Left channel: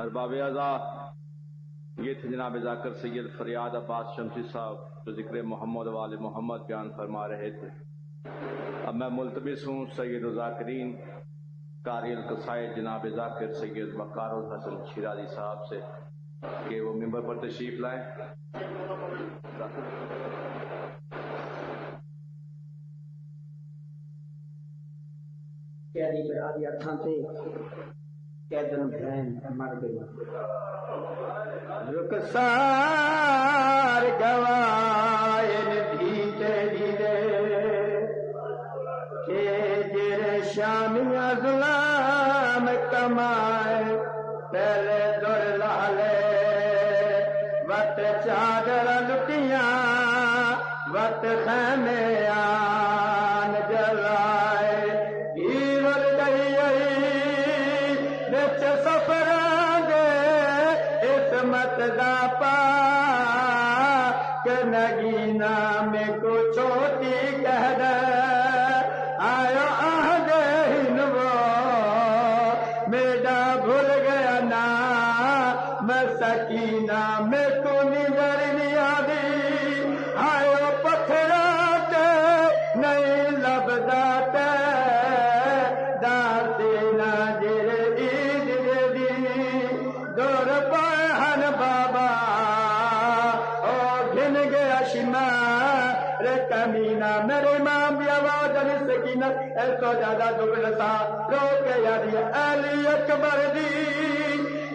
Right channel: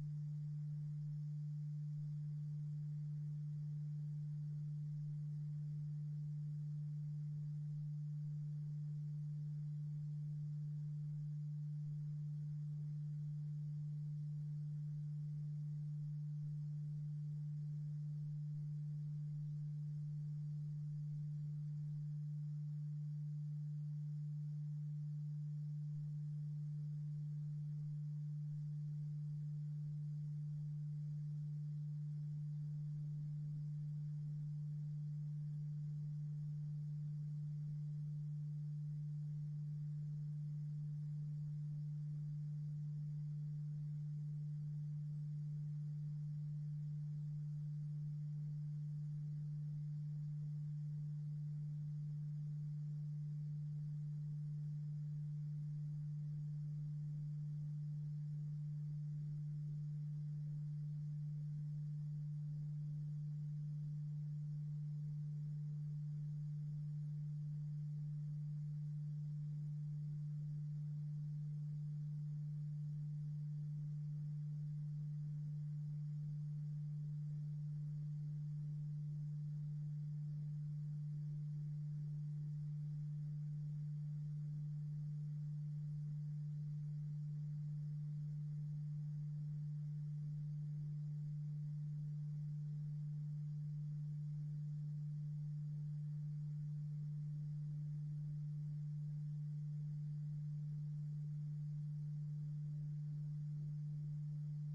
ارباب اعضاء، یہ تھے جناب ذاکر سید فریاد عباس شمسی صاحب جو ذکر محمد وال محمد بیان فرما رہے تھے۔ اب میں ملتمس ہوں سید الذاکرین قاری القصائد جناب ذاکر سید وقار الحسن شیرازی صاحب سے کہ وہ ممبر پر تشریف لائیں۔ کیری پہ آدھی اکھاں تے کیدن بہن مر گئی رخسار گوائے بھی تیری دے کہ جر شامی ظلام کمائے پہلے در لالے وقت چادر لٹیاں وقت خیمے آن جلائے ہیور گئی بچ سفران دے عصمت دا پا کہ نگینا میں کو چھوٹی کہہ دے آیا آہد ہنو میڈا بھول گیا نا میں سکینہ میں کو نظر نہیں آدی آیا پتھرات نہیں لبدا تے داتے نا جر عید دی دور پہن بابا او گھن گیا شمار کمینہ میرے امام بھی آواز علی سکینت ایسا زیادہ دکھ رسا رو کے یادی علی اکبر دی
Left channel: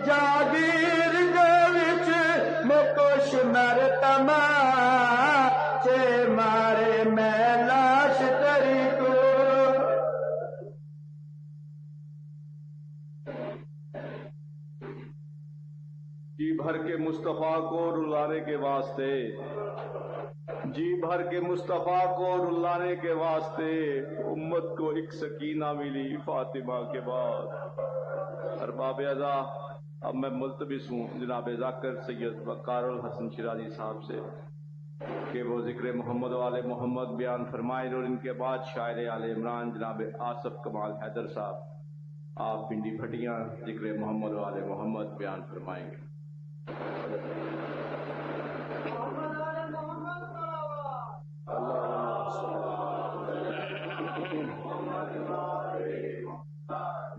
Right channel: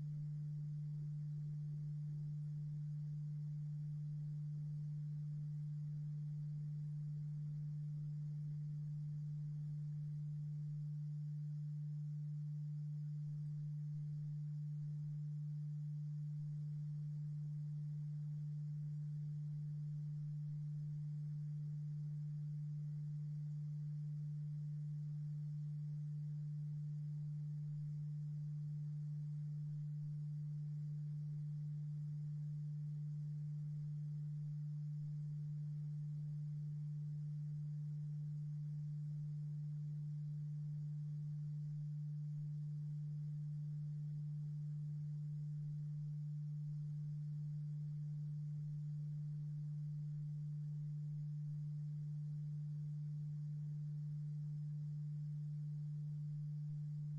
جاگیر دے وچ مکوش مرتما چے مارے میں لاش تری کو جی بھر کے مصطفیٰ کو رلانے کے واسطے، جی بھر کے مصطفیٰ کو رلانے کے واسطے امت کو ایک سکینہ ملی فاطمہ کے بعد۔ ارباب اعضاء، اب میں ملتمس ہوں جناب ذاکر سید وقار الحسن شیرازی صاحب سے کہ وہ ذکر محمد وال محمد بیان فرمائیں، اور ان کے بعد شاعر آل عمران جناب آصف کمال حیدر صاحب آپ پنڈی پھٹیاں ذکر محمد وال محمد بیان فرمائیں گے۔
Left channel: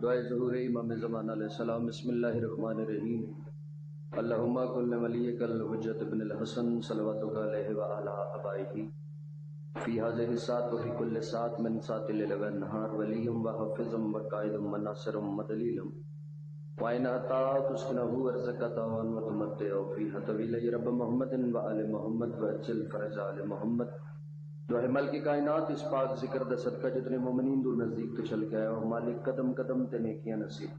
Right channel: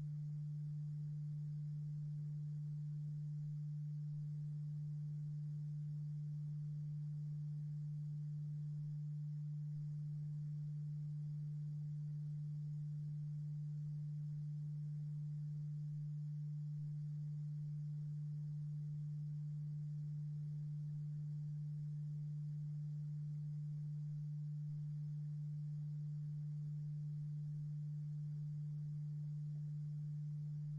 دعائے ظہور امام زمان علیہ السلام۔ بسم اللہ الرحمن الرحیم۔ اللہم کل ولیک الحجت ابن الحسن صلواتک علیہ وعلی آبائہ فی هذه الساعة وفی کل ساعة من ساعة الليل والنہار ولیم وحفظم وقائدم وناصرم ودلیلم وَإِنْ أَتَاكَ تُسْكِنَهُ وَرْزَقَكَ وَتُمَتِّعُ فِيهَا طَوِيلًا يَا رب محمد وآل محمد وَأَجِّلْ فَرَجَ آل محمد۔ دعائے ملک کائنات اس پاک ذکر دا صدقہ جتنے مومنین دور نزدیک تو چل کے آئے اور مالک قدم قدم تے نیکیاں نصیب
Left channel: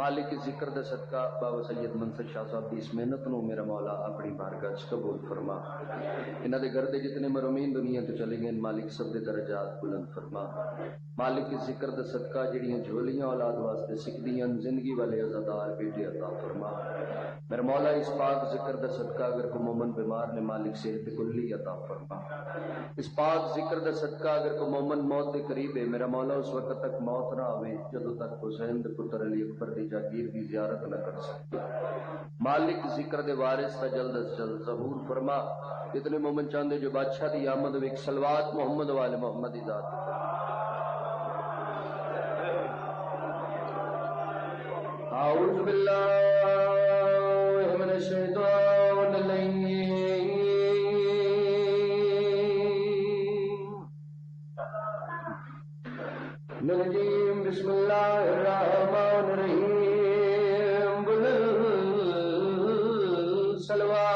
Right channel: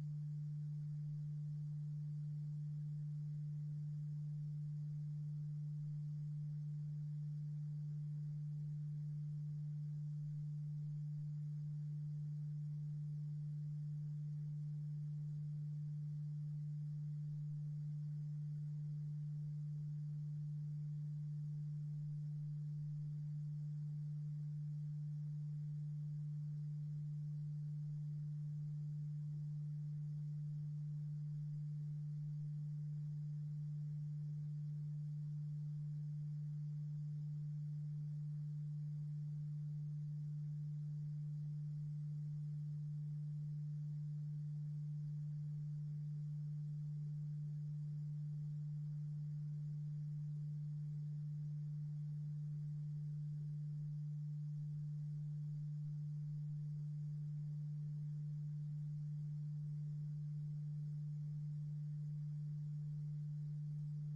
مالک ذکر دا صدقہ بابا سید منصر شاہ صاحب کی اس محنت نو میرا مولا اپنی بارگاہ وچ قبول فرما۔ انہاں دے گھر دے جتنے مرحومین دنیا تو چلے گئے مالک سب دے درجات بلند فرما۔ مالک ذکر دا صدقہ جڑیاں جھولیاں اولاد واسطے سکھدیاں زندگی والے عزادار بیٹے عطا فرما۔ میرا مولا اس پاک ذکر دا صدقہ اگر کوئی مومن بیمار نے مالک صحت کلی عطا فرما۔ اس پاک ذکر دا صدقہ اگر کوئی مومن موت دے قریب ہے میرا مولا اس وقت تک موت نہ آوے جدوں تک حسین دے پتر علی اکبر دی جاگیر دی زیارت نہ کر سکتا۔ مالک ذکر دے وارث تا جلد از جلد ظہور فرما۔ اتنے مومن چاندے جو بادشاہ دی آمد و ایک صلوات محمد والے محمد دی ذات اعوذ باللہ من الشیطان الرجیم بسم اللہ الرحمن الرحیم صلوات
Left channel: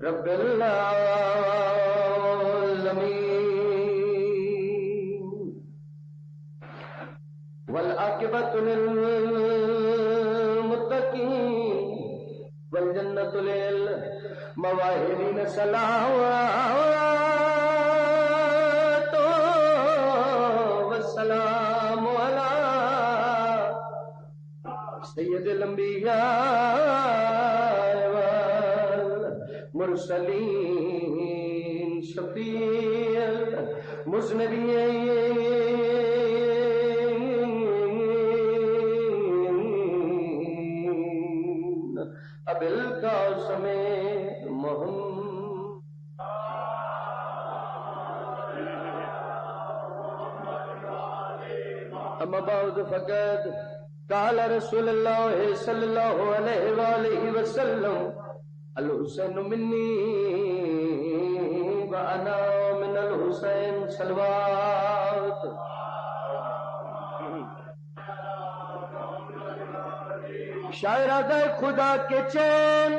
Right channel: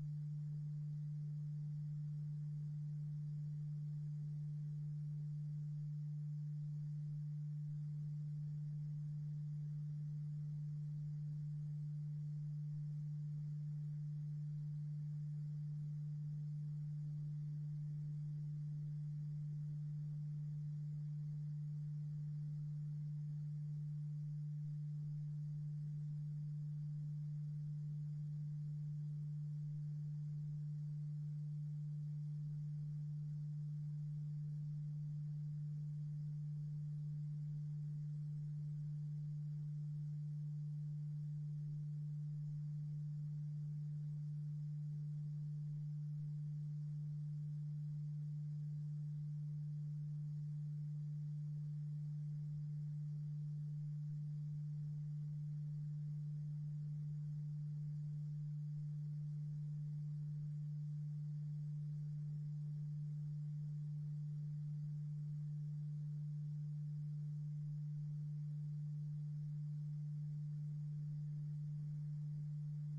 رب العالمین والعاقبۃ للمتقین والجنة للمواهبين صلوات والسلام على سید الانبیاء والمرسلین شفیع المذنبین ابی القاسم محمد. اما بعد فقد قال رسول اللہ صلی اللہ علیہ وآلہ وسلم الحسین منی وانا من الحسین صلوات. شاعرہ خدا کے چین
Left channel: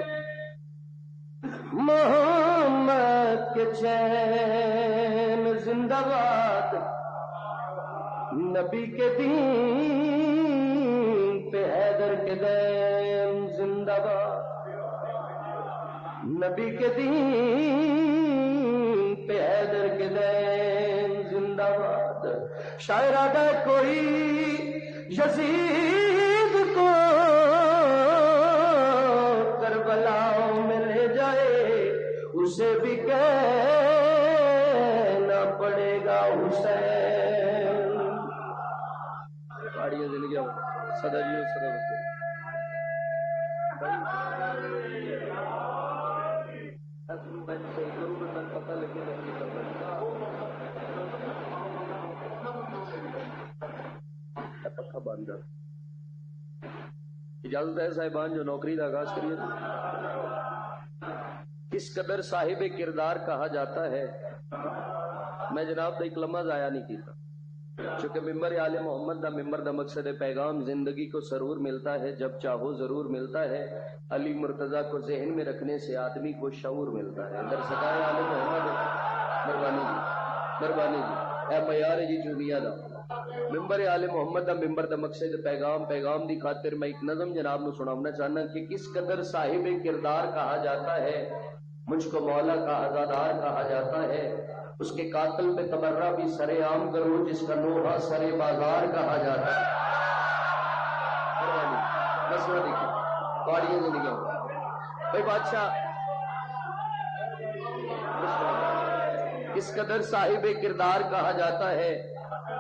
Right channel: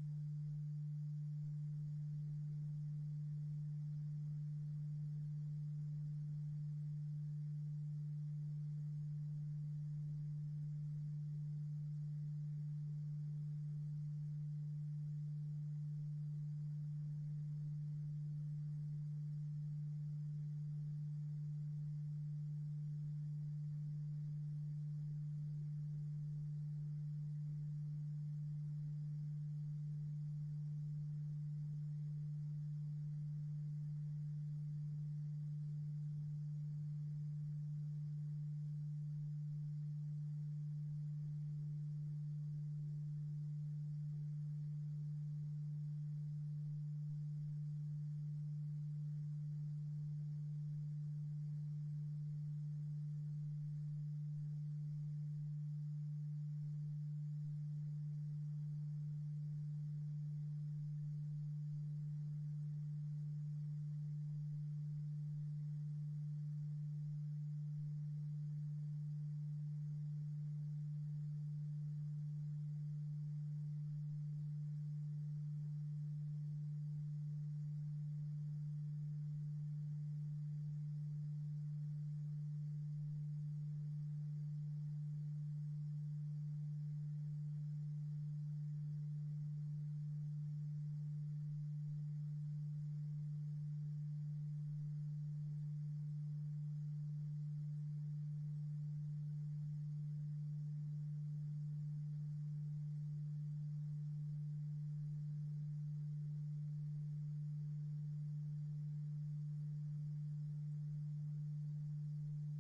محمد کے چین زندہ باد. نبی کے دین پہ حیدر کے دین زندہ باد. نبی کے دین پہ حیدر کے دین زندہ باد. شاعر آگا کوئی یزید کو کربلا میں لے جائے اسے بھی کہنا پڑے گا حسین. پہاڑیاں زندگی سدا جی سدا پتہ لگے پکا بند. اجازت ہے صاحبان جو نوکری کا آغاز کریے. کس قدر صاحب کردار کہا جاتا ہے میں جناب دا ایک لمحہ ضائع نہیں کیتا. چونکہ ممبر آل محمد دا ممبر دا مقصد پیغام زندگی کو سرور ملتا ہے جب چاہو ضرور ملتا ہے. علی مرتضی کو ذہن میں رکھنے سے آدمی کو شعور ملتا ہے. در سکائے آل محمد مہربانی جی مہربانی جی اے معیار جی چوبیا دا ممبر آل محمد دا ممبر دا مقصد پیغام دی خاطر میں ایک نظم جناب نو سنانا چاہنا کہ کس قدر صاحب کردار کہا جاتا ہے. مجھ کو مولا کا عزادار کہا جاتا ہے. اس کے قاتل پہ تبرہ بھی سرے عام کرو جس کا نوحہ سرے بازار کہا جاتا ہے. مسئلہ دیکھیں گاڑیاں سے نکل بھائی بادشاہ کس قدر صاحب کردار کہا جاتا ہے.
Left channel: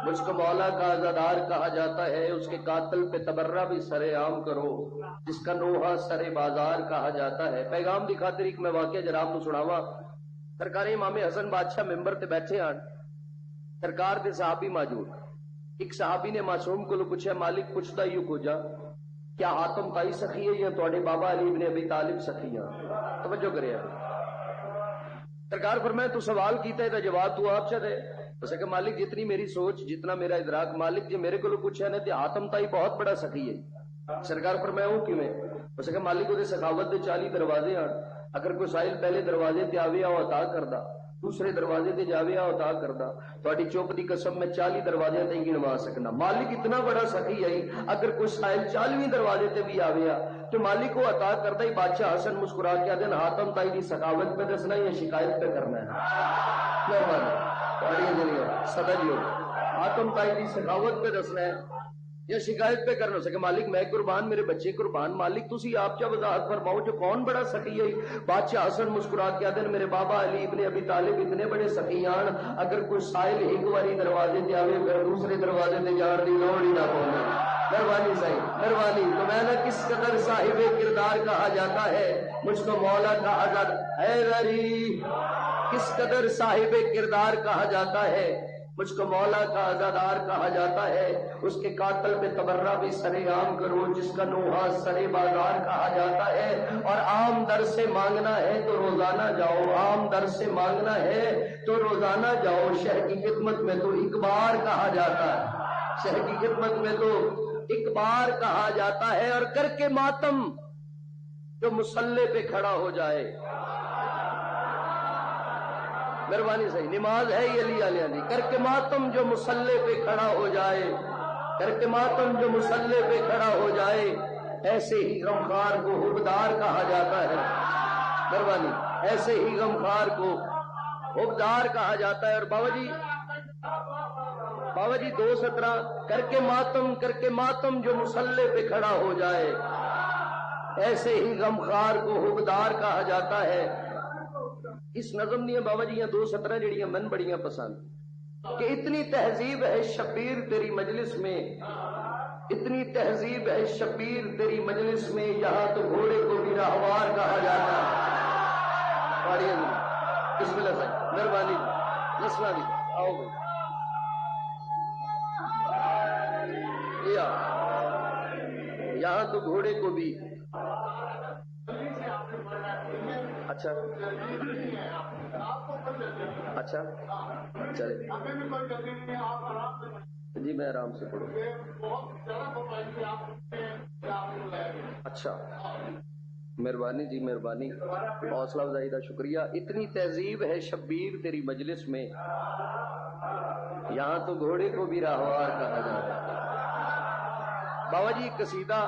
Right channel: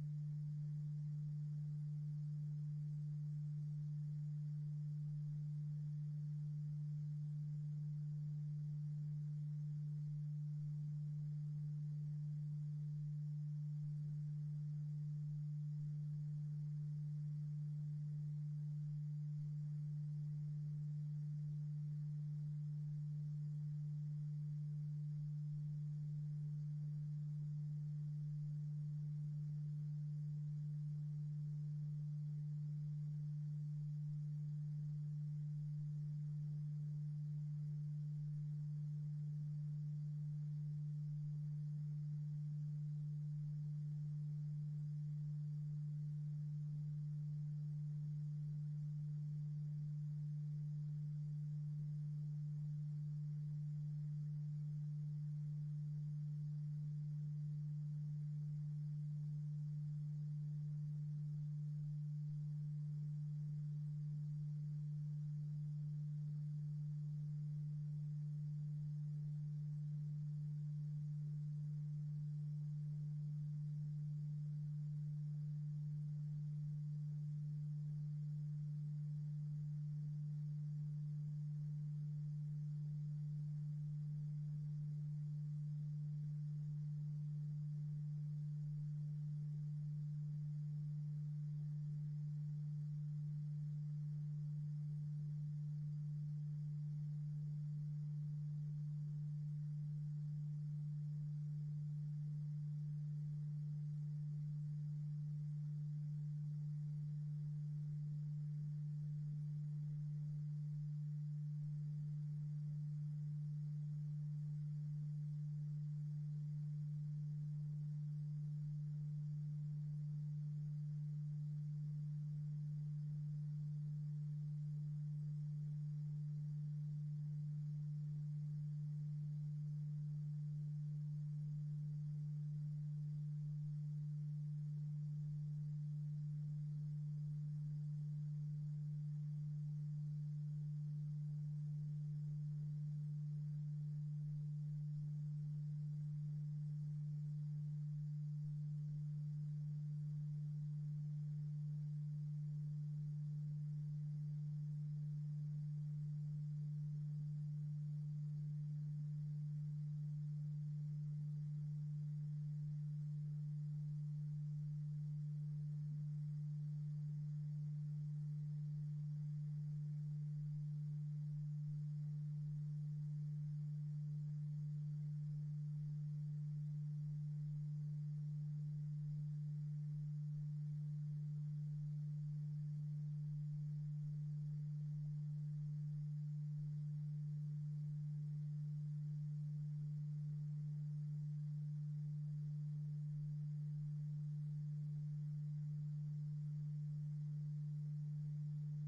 مجھ کو مولا کا عزادار کہا جاتا ہے. اس کے قاتل پہ تبرہ بھی سرے عام کرو جس کا نوحہ سرے بازار کہا جاتا ہے. پیغام دی خاطر ایک میں واقعہ جناب نو سناواں. سرکار امام حسن بادشاہ ممبر تے بیٹھے آن. سرکار دے صحابی موجود. ایک صحابی نے معصوم کو پوچھا مالک پوچھتا یوں کھوجا کیا حاتم تائی سخی ہے یا تواڈے بابا علی ابن ابی طالب سخی ہیں. توجہ کرے سرکار فرمایا تو سوال کیتا ہے تو جواب تو آپ چا دے. اسے کہ مالک جتنی میری سوچ جتنا میرا ادراک مالک جی میرے کو پوچھا نے تے حاتم تائی بہت بڑا سخی ہے. سرکار فرمایا وہ کیویں. اسے کہ مالک وہ سخاوت دے 40 دروازے ہیں. اگر کوئی سائل پہلے دروازے تے آوے آ عطا کردا دوسرے دروازے تے جاوے آ عطا کردا تہاڈی چوپ دی قسم میں 40 دروازے تے گنوا سکنا. مالک اتنا بڑا سخی ہے اگر کوئی سائل 40ویں دروازے تے بھی آوے تو مالک کو عطا کردا ہی. بادشاہ حسن مسکرا کے دن حاتم تائی دی سخاوت پہ دسنا یا شکایت پہ کرنا ہے. مہربانی پہاڑیاں ذریعہ صدا جی حاتم تائی دی سخاوت پہ دسنا ہے یا شکایت پہ کرنا. سکے مالک میں قربان میرے بچے قربان. مالک تسی آپ چا وضاحت فرماؤ جو کون بڑا سخی ہے. بادشاہ حسن مسکرا کے دن میرے بابا علی ابن ابی طالب اتنے بڑے سخیان اگر کوئی سائل ایک باری دروازے تے آوے پھر دوسرے دروازے تے جان دی لوڑ ہی نہ پوے. مہربانی صحیح مہربانی. تو میں نے کس قدر صاحب کردار کہا جاتا ہے. مجھ کو مولا کا آزاد حیدری کس قدر صاحب کردار کہا جاتا ہے. مجھ کو مولا کا عزادار کہا جاتا ہے. اس کے قاتل پہ تبرہ بھی سرے عام کرو جس کا نوحہ سرے بازار کہا جاتا ہے. اور عام در سے مانگنا ہے تو روزانہ جاؤ. عام در سے مانگنا ہے تو روزانہ جاؤ. شہر کی خدمت میں تو ایک بار کہا جاتا ہے. شہر کی خدمت میں تو ایک بار کہا جاتا ہے. اور کر کے ماتم جو مصلے پہ کھڑا ہو جائے. مہربانی صحیح نماز ہے یہ علی علیہ دی. کر کے ماتم جو مصلے پہ کھڑا ہو جائے. کر کے ماتم جو مصلے پہ کھڑا ہو جائے. ایسے ہی غمخوار کو حبدار کہا جاتا ہے. مہربانی. ایسے ہی غمخوار کو حبدار کہا جاتا ہے. اور بابا جی 2 سطرہ کر کے ماتم جو مسلح پہ کھڑا ہو جائے ایسے ہی غمخوار کو حبدار کہا جاتا ہے. اس نظم دیا بابا جی 2 سطرہ جڑیاں من بڑیاں پسند کہ اتنی تہذیب ہے شبیر تیری مجلس میں، اتنی تہذیب ہے شبیر تیری مجلس میں، یہاں تو گھوڑے کو بھی راہوار کہا جاتا ہے. بسم اللہ صاحب مہربانی لسنا دی آؤ بھائی. یہاں تو گھوڑے کو بھی اچھا چلے جی میں آرام سے پڑھوں. اچھا مہربانی جی مہربانی، حوصلہ افزائی کا شکریہ. اتنی تہذیب ہے شبیر تیری مجلس میں، یہاں تو گھوڑے کو بھی راہوار کہا جاتا ہے. بابا جی قصیدہ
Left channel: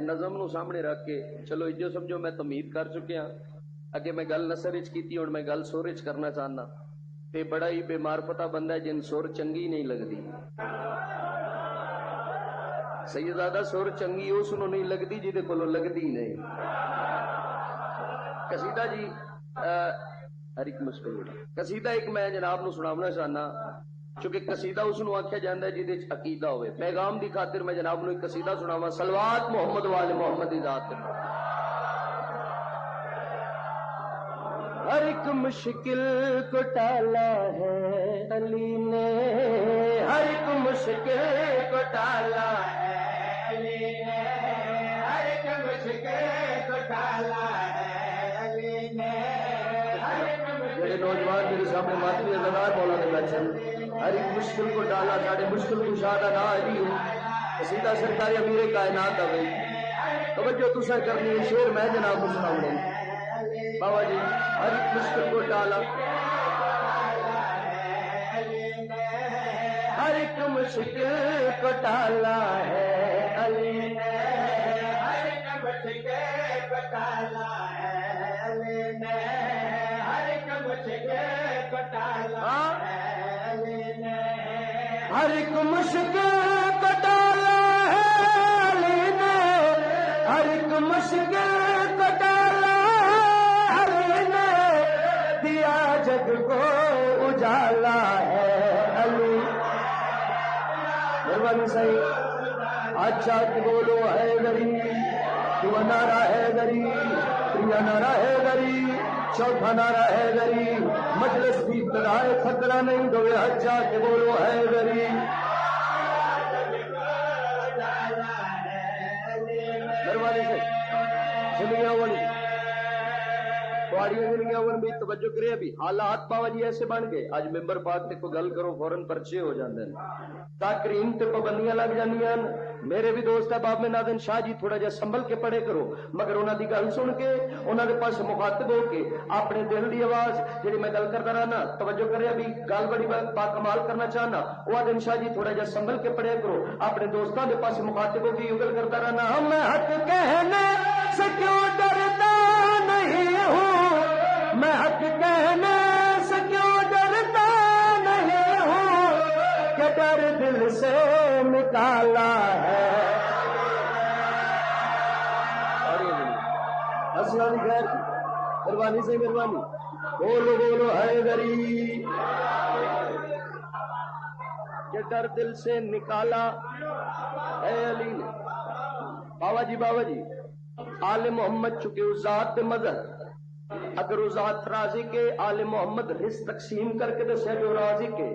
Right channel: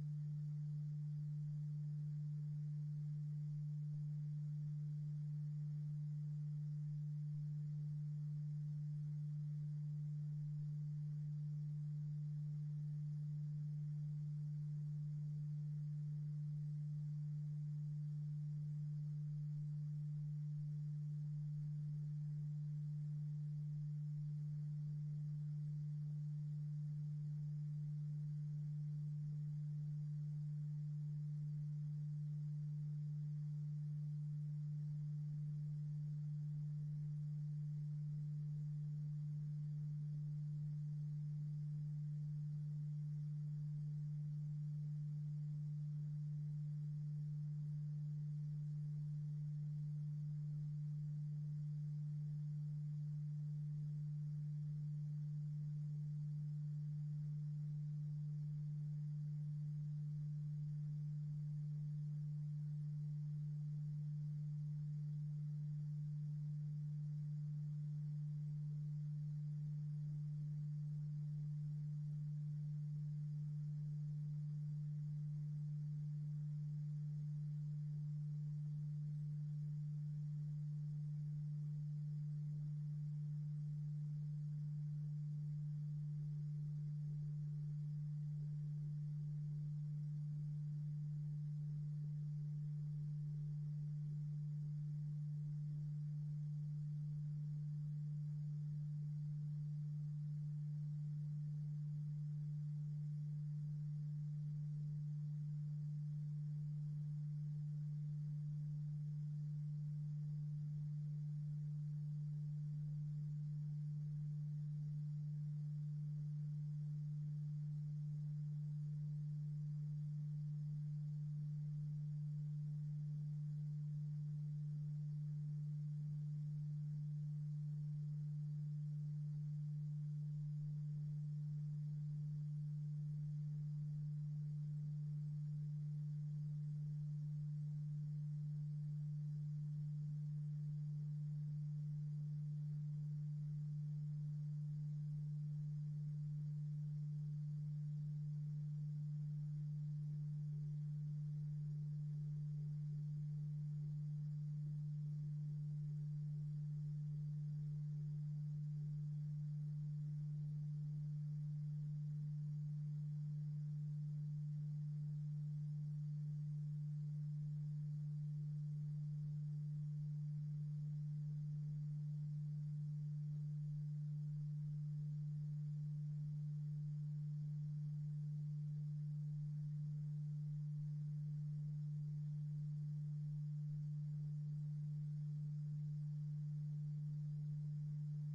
نظم نو سامنے رکھ کے چلو جو سمجھو میں تمید کر چکے ہاں. اگے میں گل نثر وچ کیتی ہوں میں گل سور وچ کرنا چاہنا. تے بڑا ہی بے معرفتہ بندہ ہے جن سور چنگی نہیں لگتی. سیدزادہ سور چنگی اس نو نہیں لگتی جی دے کولوں لگتی نہیں. قصیدہ جی ہر ایک مشکل قصیدہ ایک میں جناب نو سناونا چاہنا چونکہ قصیدہ اس نو آکھیا جاندا ہے جہدے وچ عقیدہ ہوئے. پیغام دی خاطر میں جناب نو ایک قصیدہ سناواں صلوات محمد والے محمد دی ذات. ہر ایک مشکل کو ٹالا ہے علی نے، ہر ایک مشکل کو ٹالا ہے علی نے، ہر ایک مشکل کو ٹالا ہے علی نے. میرے نوجوان میرے سامنے ماتمی ازدار مولانا بیٹھے ہر ایک مشکل کو ٹالا ساڑھے مشکل کو شادہ نہ علی ہو. قصیدہ سرکار امیر کائنات ہوئے توجہ تسا کرنی ہے. شعر میں جناب کو سناؤں بابا جی. ہر ایک مشکل کو ٹالا ہر ایک مشکل کو ٹالا ہے علی نے، ہر ایک مشکل کو ٹالا ہے علی نے، ہر ایک مشکل کو ٹالا ہے علی نے، ہر ایک مشکل کو ٹالا ہے علی نے، ہر ایک مشکل کو ٹالا دیا جگ کو اجالا ہے علی. مہربانی صحیح اچھا بولو ہے گری تو نارا ہے گری پریا نارا ہے گری چوتھا نارا ہے گری مجلس بھی ابتدائے خطرہ نہیں دوے. اچھا کہ بولو ہے گری. مہربانی صحیح زندگیاں والی بھی توجہ کرے. ابھی حالات بابا جی ایسے بن گئے آج ممبر پاک تے کوئی گل کرو فوراً پرچے ہو جاندے ہیں، تقریم تے پابندیاں لگ جاندیاں. میرے بھی دوست احباب میں ناظرین شاہ جی تھوڑا جہا سنبھل کے پڑھے کرو مگر انہاں دی گل سن کے انہاں دے پاس مخاطب ہو کے اپنے دل دی آواز جڑی میں گل کردا رہنا توجہ کرے. ابھی گل بڑی با کمال کرنا چاہنا وہ آدم شاہ جی تھوڑا جہا سنبھل کے پڑھے کرو اپنے دوستاں دے پاس مخاطب ہو کے یہ گل کردا رہنا. میں حق کہنے سے کیوں ڈرتا نہیں ہوں، میں حق کہنے سے کیوں ڈرتا نہیں ہوں کہ ڈر دل سے نکالا ہے. السلام خیر مہربانی سے مہربانی بولو بولو ہے غریب کہ ڈر دل سے نکالا ہے علی نے. بابا جی آل محمد چکے اس ذات مدد اگر وہ ذات راضی کے آل محمد رزق تقسیم کر کے دسیا جو راضی کے،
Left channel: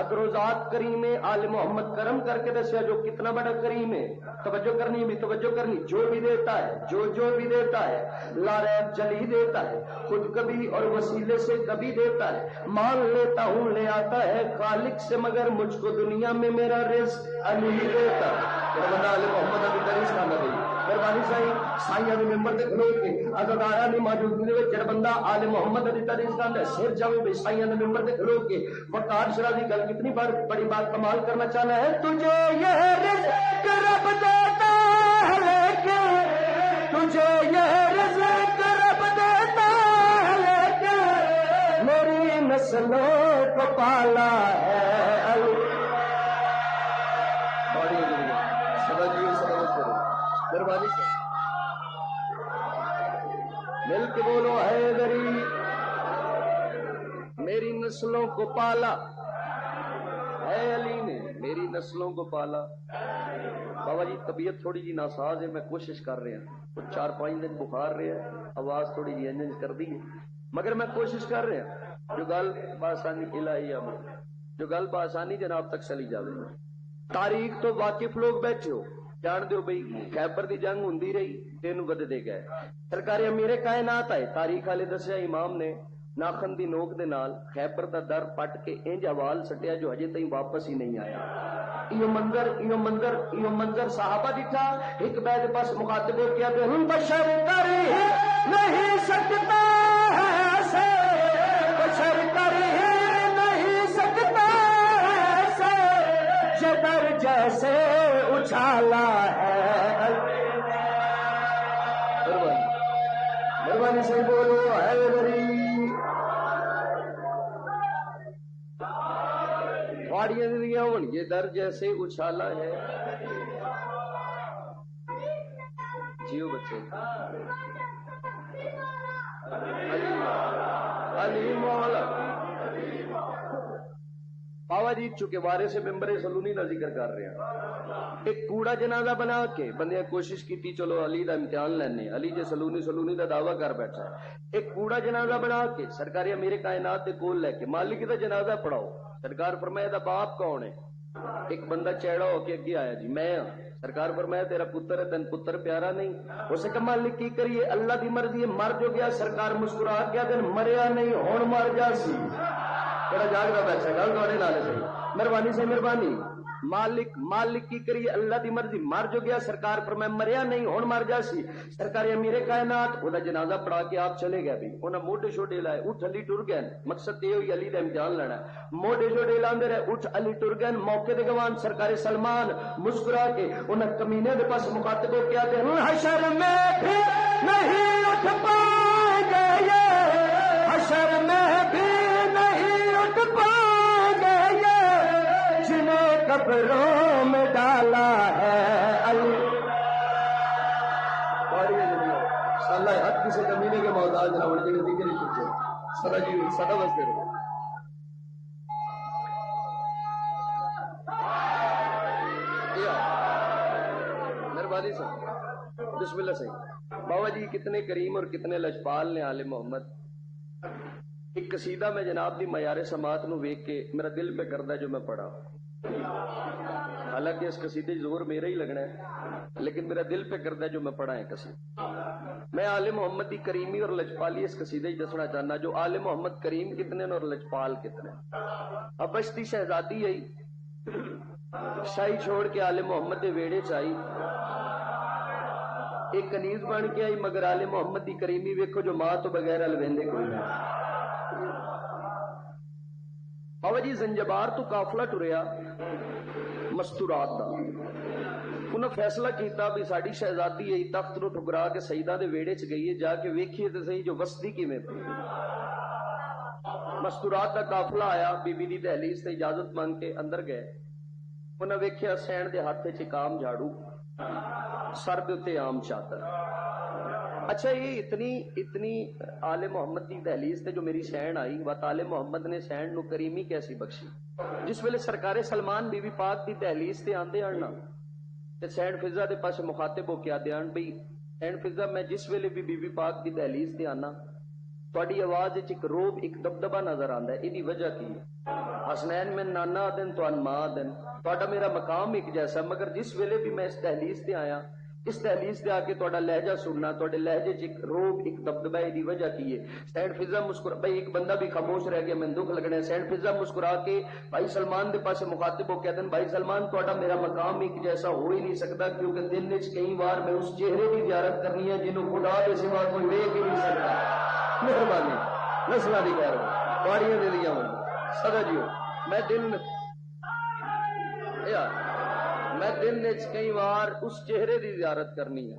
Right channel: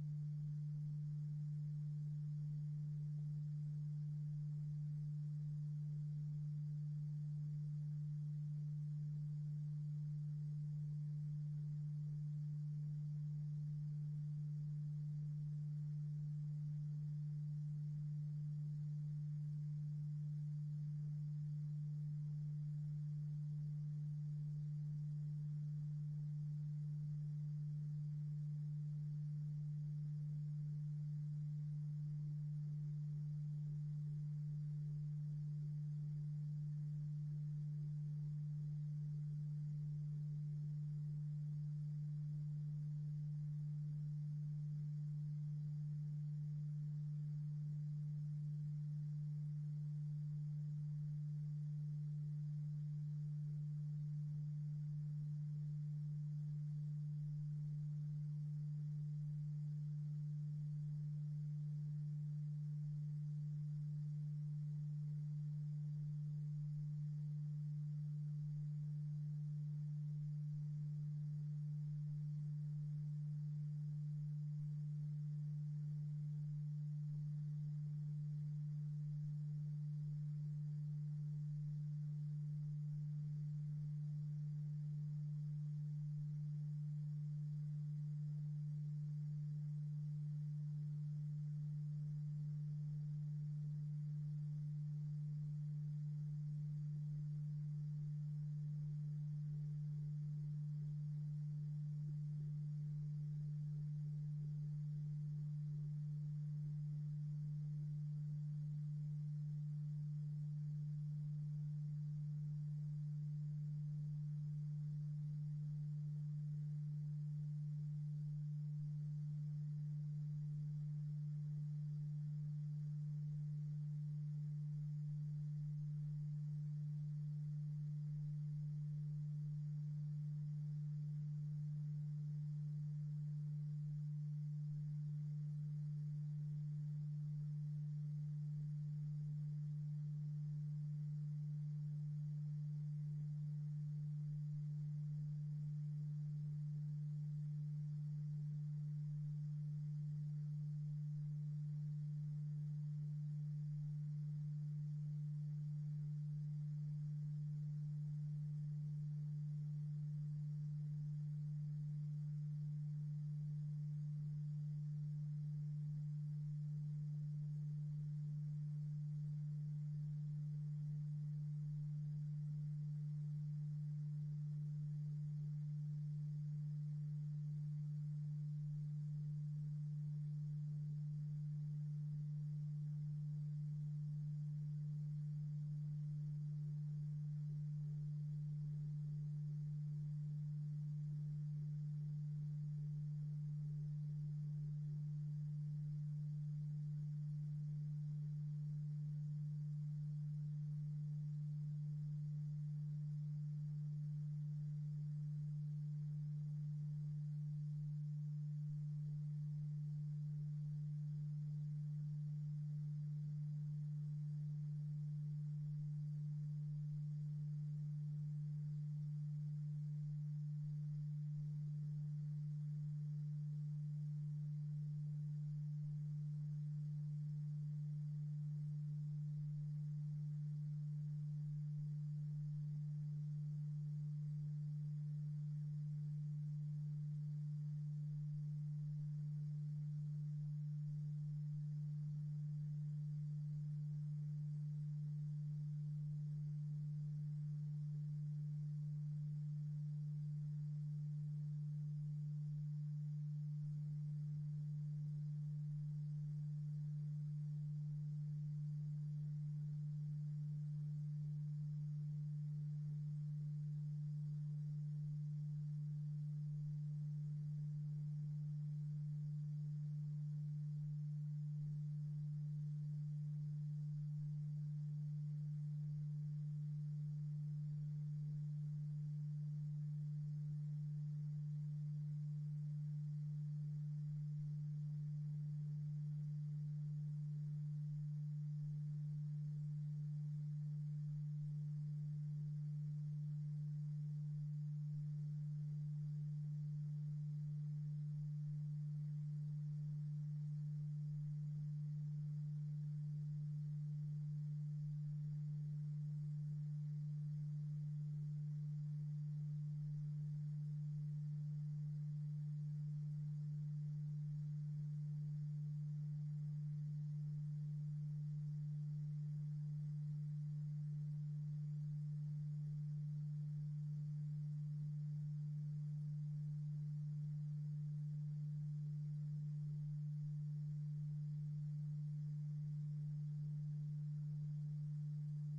اگر وہ ذات کریم ہے آل محمد کرم کر کے دسیا جو کتنا بڑا کریم ہے. توجہ کرنی بھی توجہ کرنی. جو بھی دیتا ہے جو بھی دیتا ہے لاریب جلی دیتا ہے خود کبھی اور وسیلے سے کبھی دیتا ہے. مان لیتا ہوں لے آتا ہے خالق سے مگر مجھ کو دنیا میں میرا رزق علی دیتا ہے. آل محمد ابھی دریس کا نبی مہربانی سائیاں نے ممبر تے کھلو کے اگر آیا نہیں موجودگی دے وچ جڑا بندہ آل محمد دی تعریف کردا ہے سر جاوے بے سائیاں نے ممبر تے کھلو کے وقار شرا دی گل کتنی بڑی بات کمال کرنا چاہنا ہے. تجھے یہ رزق رب دیتا سے مل کے بولو حیدری میری نسلوں کو پالا، اے علی نے میری نسلوں کو پالا۔ بابا جی طبیعت تھوڑی جی ناساز ہے، میں کوشش کر رہا ہوں، 4-5 دن بخار رہا ہے، آواز تھوڑی جی انجنج کر دی ہے، مگر میں کوشش کر رہا ہوں جو گل بآسانی الہی امر، جو گل بآسانی جناب تک چلی جاوے۔ تاریخ تو واقف لوگ بیٹھے ہو، جان دیو بھئی خیبر دی جنگ ہوندی رہی، دن ودے گئے، سرکار امیر کائنات آئے، تاریخ والے دسیا امام نے ناخن دی نوک دے نال خیبر دا در پٹ کے انج حوال سٹیا جو ہجے تائیں واپس ہی نہیں آیا۔ یہ منظر صحابہ دکھا، ایک بیت پاس مخاطب ہو کیا کہ ہم بشر کر ہی نہیں سکتا ایسے، بشر کر ہی نہیں سکتا ایسے، جدر جیسے اچھالا ہے۔ مہربانی سے بولو حیدری، واڑیاں دیا ہون یہ در جیسے اچھالا ہے۔ جیو بچے علی مولا بابا جی چونکہ وارے سے ممبر سلونی کا ذکر کر رہے ہیں، ایک کوڑا جنازہ بنا کے بندے کوشش کی چلو علی دا امتحان لینے، علی جے سلونی دا دعویٰ کر بیٹھا ہے، ایک کوڑا جنازہ بنا کے سرکار امیر کائنات دے کول لے کے مالک دا جنازہ پڑھاؤ، سرکار فرمایا دا باپ کون ہے؟ ایک بندہ چیڑا ہو کے اگے آیا جی میں ہاں، سرکار فرمایا تیرا پتر ہے، تین پتر پیارا نہیں؟ اسے کہا مالک کی کریے اللہ دی مرضی ہے، مر جو گیا، سرکار مسکرا گیا دن مریا نہیں ہون مر جا سی، بڑا جاگ رہا بیٹھا گل تھوڑے نال صحیح، مہربانی سے مہربانی، مالک کی کریے اللہ دی مرضی، مر جو گیا، سرکار فرمایا مریا نہیں ہون مر جا سی، سرکار امیر کائنات وہ جنازہ پڑھا کے آپ چلے گئے، بھی انہیں موڈے شوڈے لائے، اٹھ علی ٹر گئے، مقصد یہ ہوئی علی دا امتحان لینا ہے، موڈے شوڈے لاندے رہے، اٹھ علی ٹر گئے، موقع دے گوان سرکار سلمان مسکرا کے انہیں کمینے دے پاس مخاطب ہو کیا کہ حشر میں بھی نہیں اٹھ پائیں گے یہ، حشر میں بھی نہیں اٹھ پائیں گے یہ، جنہیں قبروں میں ڈالا ہے علی۔ اللہ حق کسی کمینے کے محتاج نہ ہونے کے ذکر ہی پوچھے سدا جی سدا بستے رہو۔ مہربانی سے بسم اللہ صحیح بابا جی کتنے کریم اور کتنے لجپال نے آل محمد۔ ایک قصیدہ میں جناب دی معیار سماعت نو ویکھ کے میرا دل پہ کردہ جو میں پڑھا، حالانکہ اس قصیدے زور میرا ہی لگنا ہے لیکن میرا دل پہ کردہ جو میں پڑھا ہے قصیدہ، میں آل محمد دی کریمی اور لجپالی اس قصیدے ہی دسنا چاہنا جو آل محمد کریم کتنے اور لجپال کتنے۔ اب بشتی شہزادی آئی شاہی چھوڑ کے آل محمد دے ویڑے چائی، ایک کنیز بن کے آئی مگر آل محمد دی کریمی ویکھو جو ماں تو بغیر الویندے کوئی نہیں۔ بابا جی زنجبار تو قافلہ ٹریا مستورات دا، انہوں فیصلہ کیتا بھی ساڑی شہزادی ہے تخت نو ٹھکرا کے سیدہ دے ویڑے چ گئی ہے، جا کے ویکھیے تے صحیح جو وسطی کی میں پہ۔ مستورات دا قافلہ آیا، بی بی دی دہلیز تے اجازت مانگ کے اندر گئے، انہوں ویکھیا سین دے ہاتھ چ کام جھاڑو، سر دے تے عام چادر۔ اچھا یہ اتنی آل محمد دی دہلیز تے جو میری سین آئی وات آل محمد نے سین نو کریمی کیسی بخشی، جس ویلے سرکار سلمان بی بی پاک دی دہلیز تے آندے آنا تے سین فضا دے پاس مخاطب ہو کے آدے آن بھئی سین فضا میں جس ویلے بھی بی بی پاک دی دہلیز تے آنا تواڈی آواز وچ ایک روب ایک دبدبا نظر آندا ہے، ایدی وجہ کی ہے؟ حسنین میں نانا دن تو ان ماں دن تواڈا میرا مقام ایک جیسا، مگر جس ویلے بھی میں اس دہلیز تے آیا اس دہلیز تے آ کے تواڈا لہجہ سننا، تواڈے لہجے چ ایک روب ایک دبدبا ایدی وجہ کی ہے؟ سین فضا مسکرا بھائی ایک بندہ بھی خاموش رہ گیا میں دکھ لگنا ہے، سین فضا مسکرا کے بھائی سلمان دے پاس مخاطب ہو کہتے ہیں بھائی سلمان تواڈا میرا مقام ایک جیسا ہو ہی نہیں سکتا، کیونکہ دن وچ کئی بار میں اس چہرے کی زیارت کرنی ہے جنہوں خدا دے سوا کوئی ویکھ ہی نہیں سکتا۔ مہربانی نسلاں دی خیر واڑیاں دے دیاں ہوں سدا جیو میں دن وچ کئی بار اس چہرے دی زیارت کرنی ہے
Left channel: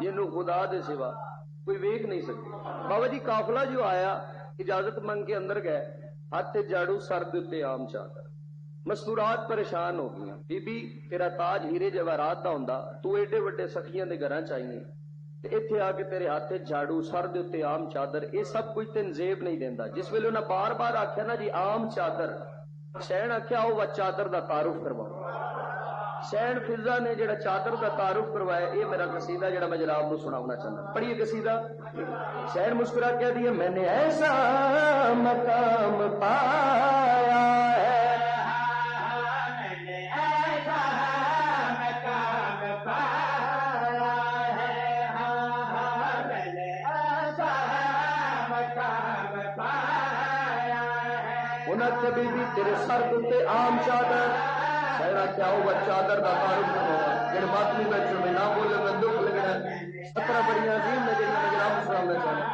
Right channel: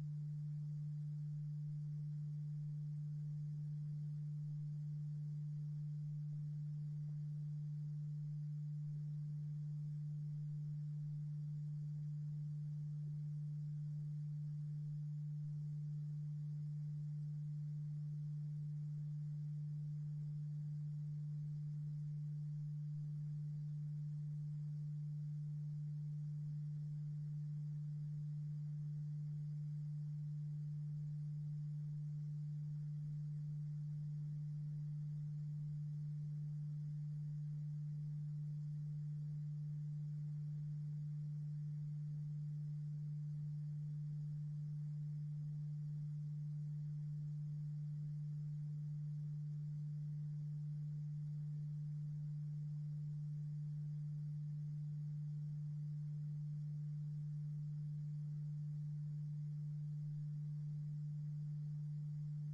جنہوں خدا دے سوا کوئی ویکھ نہیں سکتا۔ بابا جی قافلہ جو آیا اجازت منگ کے اندر گئے، ہاتھ جاڑو سر دے تے عام چادر، مستورات پریشان ہو گئی. بی بی تیرا تاج ہیرے جواہرات دا ہوندا، تو ایڈے وڈے سخیاں دے گھراں چاہیے تے ایتھے آ کے تیرے ہاتھ جھاڑو، سر دے اوتے عام چادر، اے سب کچھ تین زیب نہیں دیندا. جس ویلے انہاں بار بار آکھیا نا جی عام چادر، سین آکھیا او وا چادر دا تعارف کرواؤ. سین فضا نے جڑا چادر دا تعارف کروایا، اے میرا قصیدہ جڑا میں جناب نو سناونا چاہنا. پڑھیے قصیدہ. سین مسکرا کہہ دیا میں نے ایسا مقام پایا ہے، کبھی بھی تیرے سر تے عام چادر، سہرا کیا ہوگا چادر دا تعارف کرواؤ. جڑے ماتمی بیٹھے میں نہ بولے میں دکھ لگنا. 17 بڑیاں عظیم نے جڑیاں میں جناب اسلام میں چاہنا.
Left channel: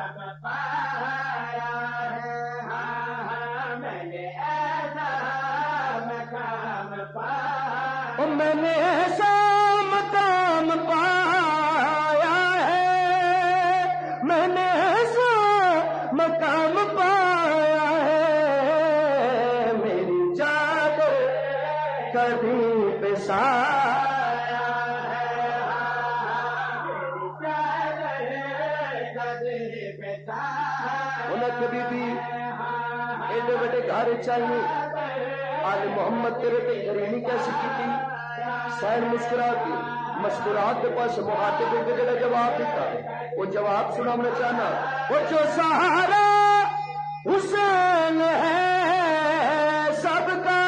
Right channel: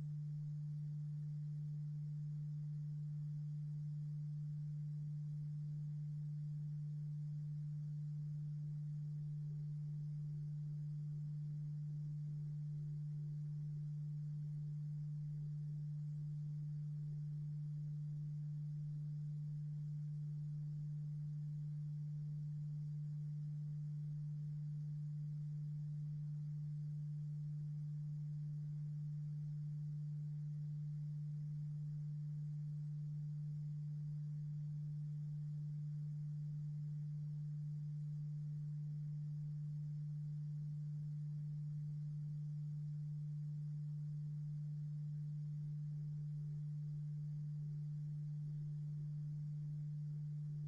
میں نے ایسا مقام پایا ہے، میں نے ایسا مقام پایا ہے، میری چادر کبھی پہ سایا ہے، میری چادر کبھی پہ سایا. انہیں کبھی بھی ایڈے بڑے گھر چاہیے. آل محمد تیرے تے کریمی کیسی کی تھی. سین مسکرا کے مسکرات کے پاس مخاطب ہو کے جڑا جواب دیتا، وہ جواب سنانا چاہنا. وہ جو سہارا حسین ہے سب کا،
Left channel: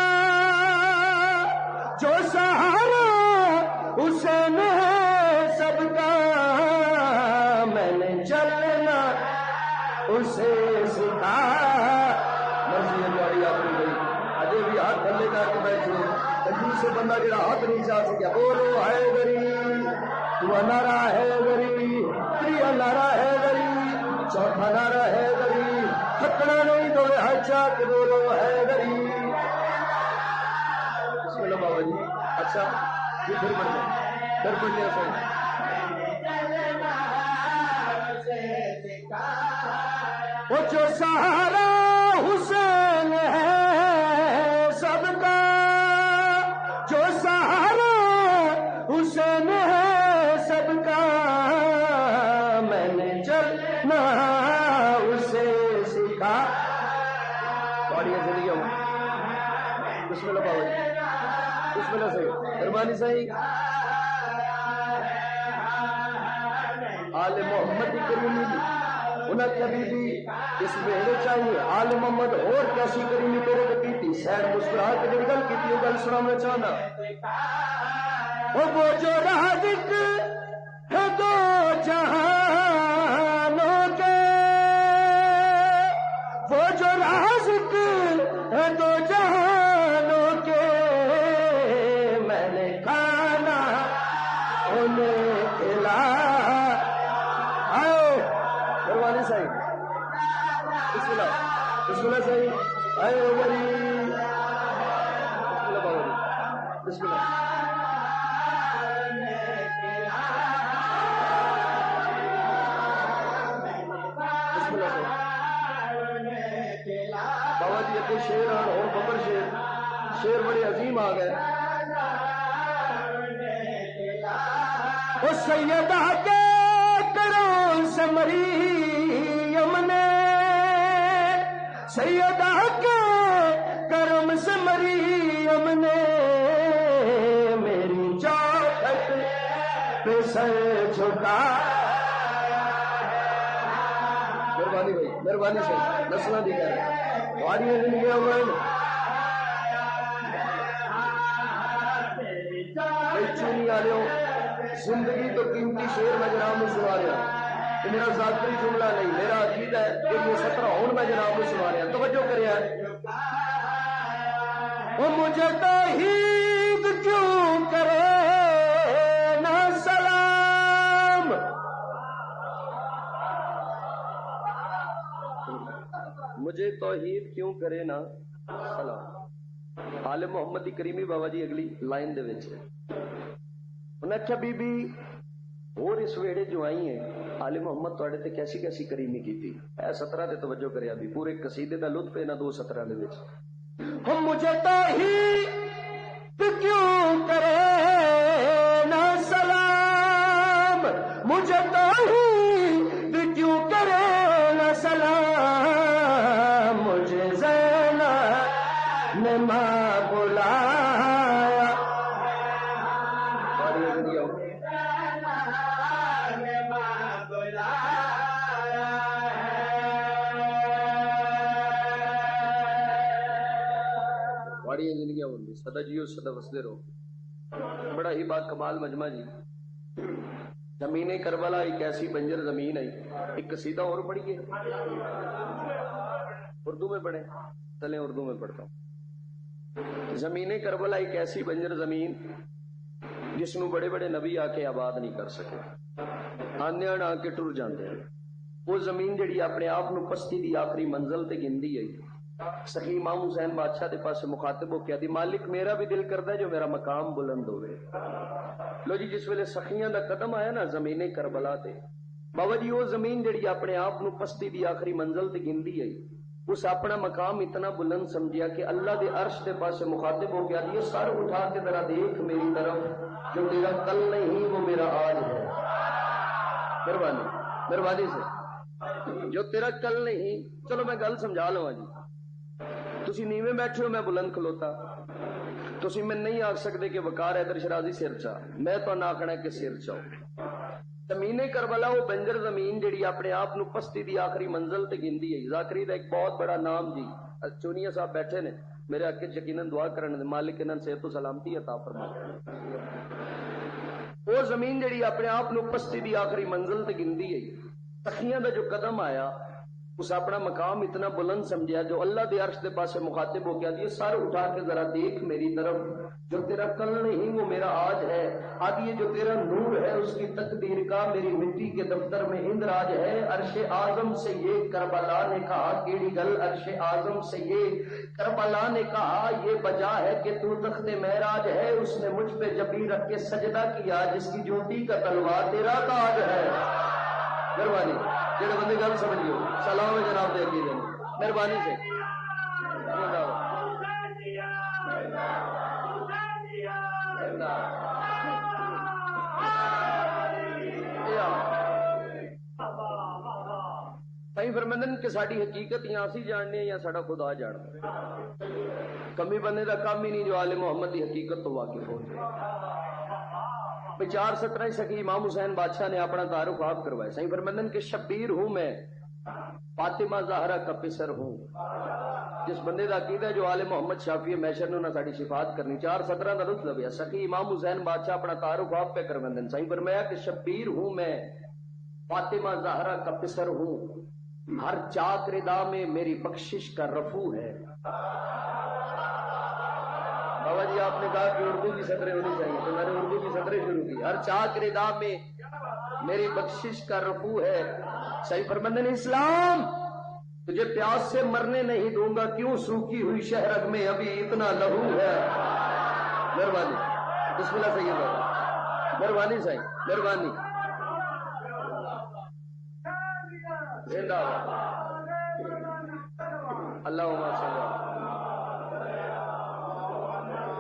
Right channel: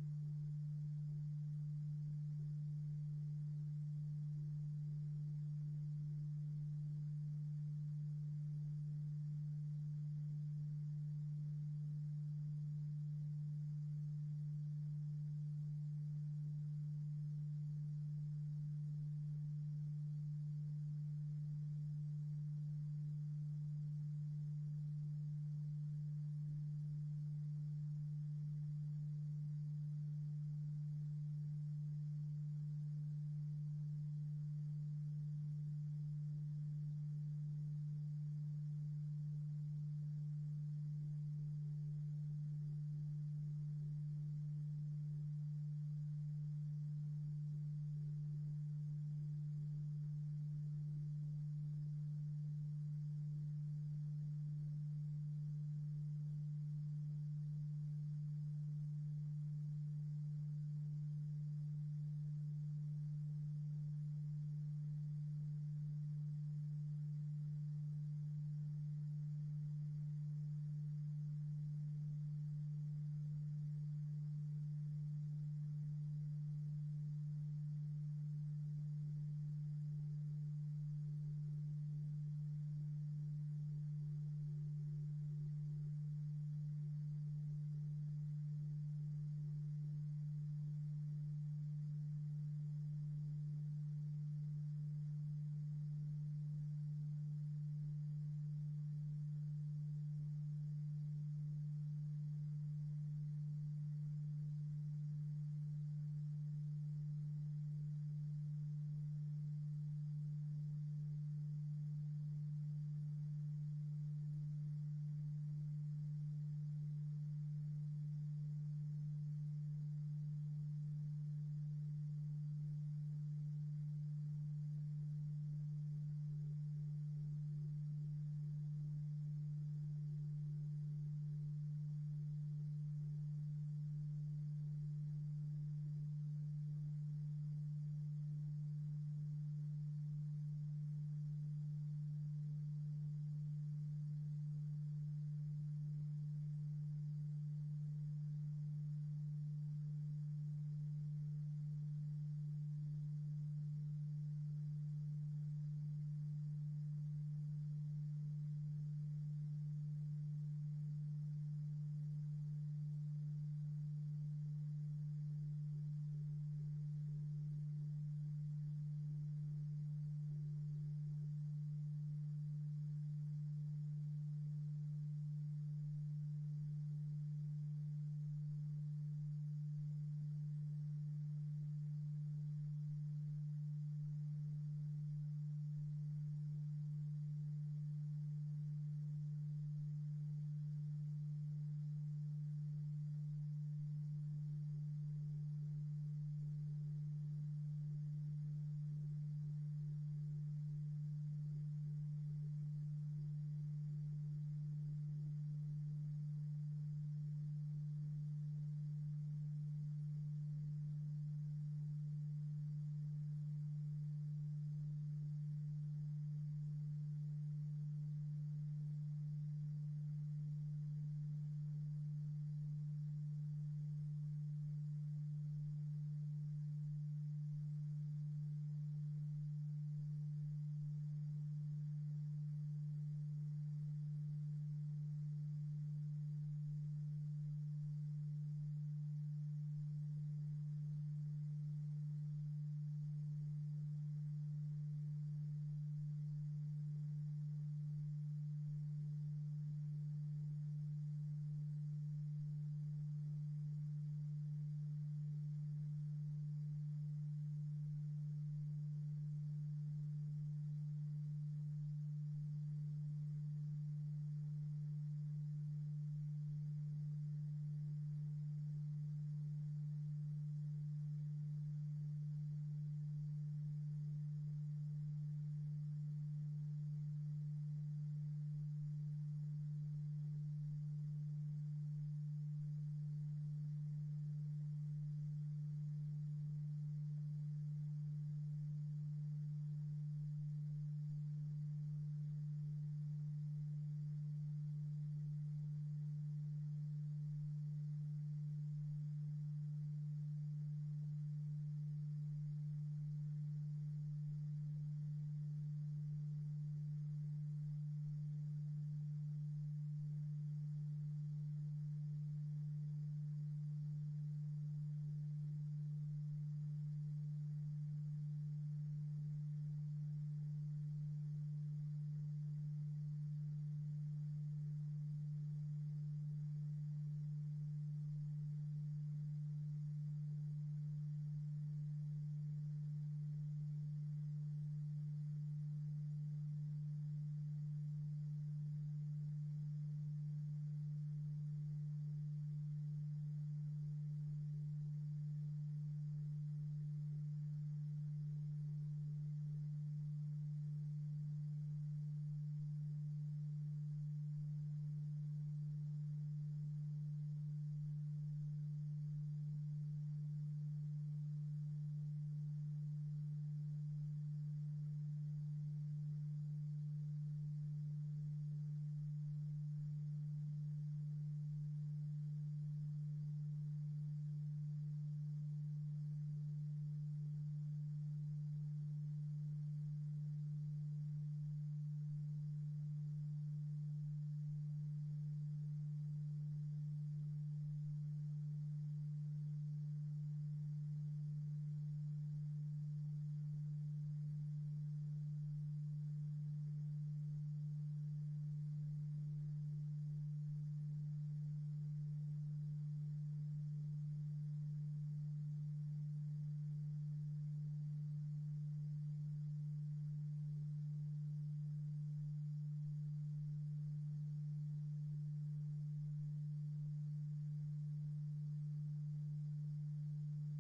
جو سہارا حسین ہے سب کا، میں نے چلنا اسے سکھایا. مرضی ہماری اپنی گئی اجے بھی ہاتھ تھلے کر کے بیٹھے. سے بندہ جڑا ہاتھ نہیں چاہ سکیا. بولو ہے گری تو نارا ہے گری، تریا نارا ہے گری، چوتھا نارا ہے گری، تھکنا نہیں تو ہچا کے بولو ہے گری. بسم اللہ بابا جی. اچھا جی پھر پڑھ لیں، پھر پڑھ لیں. وہ جو سہارا حسین ہے سب کا، جو سہارا حسین ہے سب کا، میں نے چلنا اسے سکھا. پڑھیے زندگی ہوں. بسم اللہ بابا جی. بسم اللہ صحیح مہربانی صحیح. آل محمد کریمی دی انہیں کبھی بھی اس ویڑے چاہیے. آل محمد اور کیسی کریمی میرے کو کی. سین مسکرا کے جڑی گل کی وہ گل سنانا چاہنا. وہ جو رازق ہے دو جہانوں کے، وہ جو رازق ہے دو جہانوں کے، میں نے کھانا انہیں کھلایا. قربانی صحیح. بسم اللہ بسم اللہ صحیح. اے غریب بسم اللہ بابا جی. بسم اللہ. بسم اللہ صحیح. بابا جی ابھی شیر آن اور ببر شیر بڑے عظیم آ گئے. وہ سیدہ کے کروں سے مریم نے، سیدہ کے کرم سے مریم نے، میری چوکھٹ پہ سر جھکا. مہربانی بھائی مہربانی سے نسلہ دی گیا واری زندگی ہوئے چونی آ رہے ہو. زندگی تو قیمتی شیر میں جناب میں سنا رہا. میرا ذاتی جملہ نہیں، میرا عقیدہ ہے کہ یہ 17 ہون میں جناب میں سنا رہا. توجہ کرے وہ مجھے توحید کیوں کرے نہ سلام، مجھے توحید کیوں کرے نہ سلام. آل محمد دی کریمی بابا جی اگلی لائن دے وچ انہیں آخیا بی بی اور اس ویڑے جو آئی ہیں آل محمد تواڈے تے کیسی کیسی کریمی کیتی. اے 17 تے توجہ کریا بھی پورے قصیدے دا لطف ہے نہ 2 17 دے وچ. ہم مجھے توحید کیوں کرے نہ سلام، مجھے توحید کیوں کرے نہ سلام، مجھے زینب نے ماں بلایا، بڑی زندگیاں ہوندی سدا جیو سدا وسدے رہو. بڑا ہی بات کمال مجمع جی. زمین کربلا ایک ایسی بنجر زمین ہے. ایک قصیدہ اور پڑھیے اردو میں پڑھیں، چلیں اردو میں پڑھتا ہوں. زمین کربلا ایک ایسی بنجر زمین جس نو بڑے بڑے نبی آ کے آباد نہیں کر سکے، آنے آ کے ٹر جاندے ہیں. وہ زمین جڑی اپنے آپ نو پستی دی آخری منزل تے گندی ہے. سخی امام حسین بادشاہ دے پاس مخاطب ہو کے دی مالک میرا بھی دل کردا ہے جو میرا مقام بلند ہوئے. لو جی جس ویلے سخیاں دا قدم آیا نا زمین کربلا تے، بابا جی وہ زمین جڑی اپنے آپ نو پستی دی آخری منزل تے گندی ہے، اس اپنا مقام اتنا بلند سمجھیا کہ اللہ دے عرش دے پاس مخاطب ہو کے دی سر اٹھا کے ذرا دیکھ میری طرف، جو تیرا کل نہیں وہ میرا آج ہے. مہربانی مہربانی سے، جو تیرا کل نہیں. چلو میں گل سمجھا لواں جی. تسی نیویں بیٹھے ہو میں بلند کھلوتا، تسی میں نہیں آکھ سکتے کہ وقار حیدر شرازی سر چا، میں تو نہ آکھنا کہ سر چاؤ. زمین کربلا وہ بنجر زمین جڑی اپنے آپ نو پستی دی آخری منزل تے گندی ہے. ذاکری دا ایک بہت بڑا نام جی. چونیہ صاحب بیٹھے نے میرے حق وچ یقیناً دعا کرن دے مالک انہاں صحت و سلامتی عطا فرمائے. وہ زمین جڑی اپنے آپ نو پستی دی آخری منزل تے گندی ہے، سخیاں دا جو قدم آیا اس اپنا مقام اتنا بلند سمجھا جو اللہ دے عرش دے پاس مخاطب ہو گیا. سر اٹھا کے ذرا دیکھ میری طرف، جو تیرا کل نہیں وہ میرا آج ہے. آدھی جو تیرا نور ہے اس کی تقدیر کا میری مٹی کے دفتر میں اندراج ہے. عرش اعظم سے یہ کربلا نے کہا کیڑی گل، عرش اعظم سے یہ کربلا نے کہا یہ بجا ہے کہ تو تخت معراج ہے. اس نے مجھ پہ جبی رکھ کے سجدہ کیا جس کی جوتی کا تلوار تیرا تاج ہے. مہربانی جڑے بندے گل سمجھیو سلام ہے جناب دے عقیدے میں مہربانی سے. صحیح فرمندن کہ ساری حقیقت یا اسی جاننے یا ساڈا خدا جاندا. کمی بندے دا کام ہی نہیں جو آل محمد دی حقیقت تو واقف ہو جائے. 417 سخی امام حسین بادشاہ نے اپنا تعارف آپ کروایا. صحیح فرمندن کہ شبیر ہوں میں، فاطمہ زہرا کا پسر ہوں. جس بندے دا عقیدہ ہے جو آل محمد شافی میشر نے انہاں ساڈی شفاعت کرنی. 417 دا لطف لبیا. سخی امام حسین بادشاہ اپنا تعارف آپ پہ کروندن. صحیح فرمایا کہ شبیر ہوں میں، فاطمہ زہرا کا پسر ہوں. ہر چاک ردا میں میری بخشش کا رفو ہے. بابا جی آپ نے کہا کہ اردو کی سطریں ہونی چاہیے تو میں نے اردو کی سطریں شروع کی. ہر چاک ردا میں میری بخشش کا رفو ہے. صحیح فرمندن اسلام تجھے پیاس سے مرنے نہیں دوں گا، کیوں سوکھی ہوئی شہرگ میں ابھی اتنا لہو ہے. مہربانی بسم اللہ سید بابا مہربانی صحیح مہربانی. اللہ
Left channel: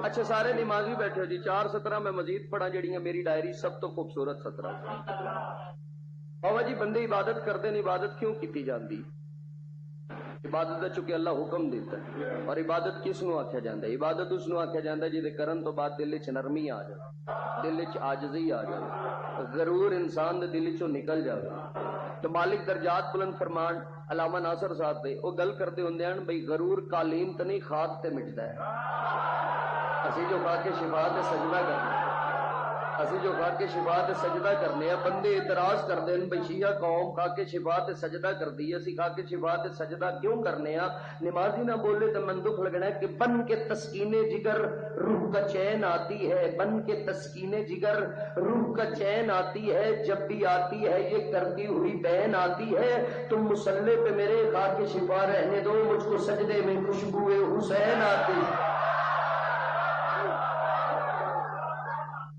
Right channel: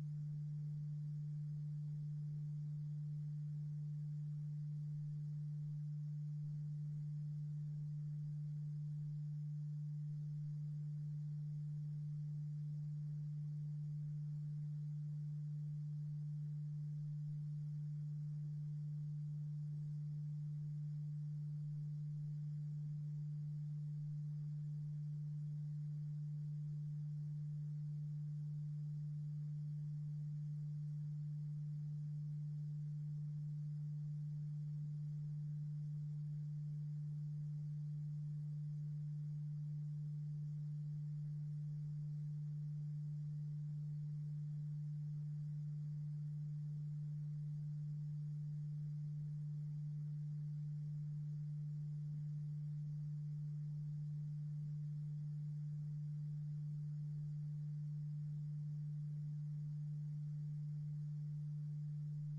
اچھا سارے نمازی بیٹھے ہو جی. 417 میں مزید پڑھا جڑیاں میری ڈائری سب تو خوبصورت 17. بابا جی بندے عبادت کرتے ہیں، عبادت کیوں کی جاندی؟ عبادت چونکہ اللہ حکم دیتا ہے. اور عبادت کس نو آکھیا جاندا ہے؟ عبادت اس نو آکھیا جاندا ہے جے کرن تو بعد دل وچ نرمی آ جائے، دل وچ عاجزی آ جائے، غرور انسان دے دل وچوں نکل جائے. تو مالک درجات بلند فرمان علامہ ناصر صاحب دے وہ گل کرتے ہوندے ہیں بھئی غرور قالین تے نہیں خاک تے مٹدا ہے. اسی جو کھا کے شفا تے سجدہ کرنے، اسی جو کھا کے شفا تے سجدہ کرنے ہیں. بندے اعتراض کردے ہیں بھئی شیعہ قوم کھا کے شفا تے سجدہ کردی ہے، اسی کھا کے شفا تے سجدہ کیوں کرنے ہیں؟ نمازی نہ بولے تو من دکھ لگنا ہے کہ بن کے تسکین جگر روح کا چین آتی ہے، بن کے تسکین جگر روح کا چین آتی ہے. جب بھی آتی ہے یہ کرتی ہوئی بہن آتی ہے. تم مسلح پہ میرے کھا کے شفا رہنے دو، مجھ کو سجدے میں خوشبو حسین آتی ہے.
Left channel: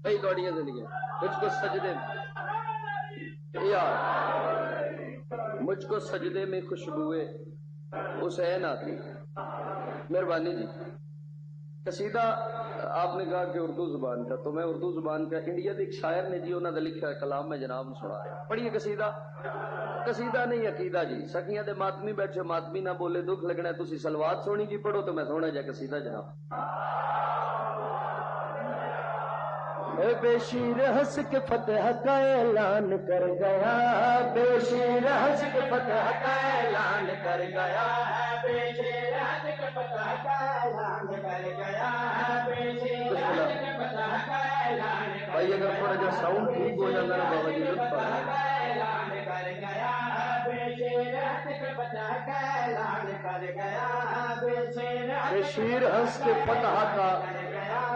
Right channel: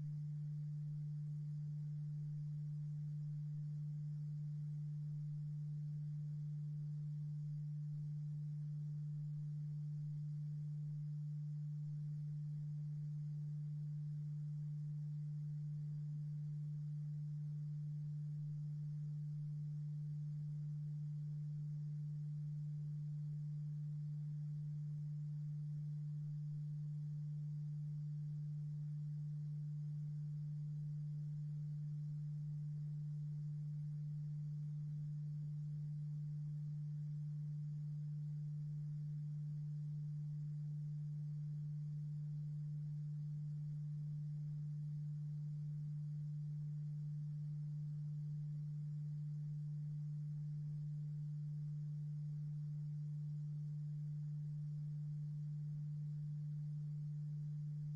بھائی دوڑیاں زندگی مجھ کو سجدے یار مجھ کو سجدے میں خوشبوئے حسین آتی. مہربانی جی. قصیدہ آپ نے کہا کہ اردو زبان کا، تو میں اردو زبان کا انڈیا کے ایک شاعر نے جی انہوں نے لکھا کلام میں جناب نے سنا رہا. پڑھیے قصیدہ. قصیدہ نہیں عقیدہ جی. سکیاں دے ماتمی بیٹھے، ماتمی نہ بولے دکھ لگنا. تسی سلوات سونی جی پڑھو تو میں سونا جا قصیدہ جناب. اے بے شیر ہنس کے فتح کا اعلان کر گیا، بے شیر ہنس کے فتح کا اعلان کر گیا، بے شیر ہنس کے فتح کا اعلان کر گیا، بے شیر ہنس کے فتح کا اعلان کر گیا. بھائی اگر تھوڑا جا ساؤنڈ ٹھیک ہو جاتا نا بابا جی لطف آ اعلان کر گیا، بے شیر ہنس کے فتح کا اعلان کر گیا، بے شیر ہنس کے فتح کا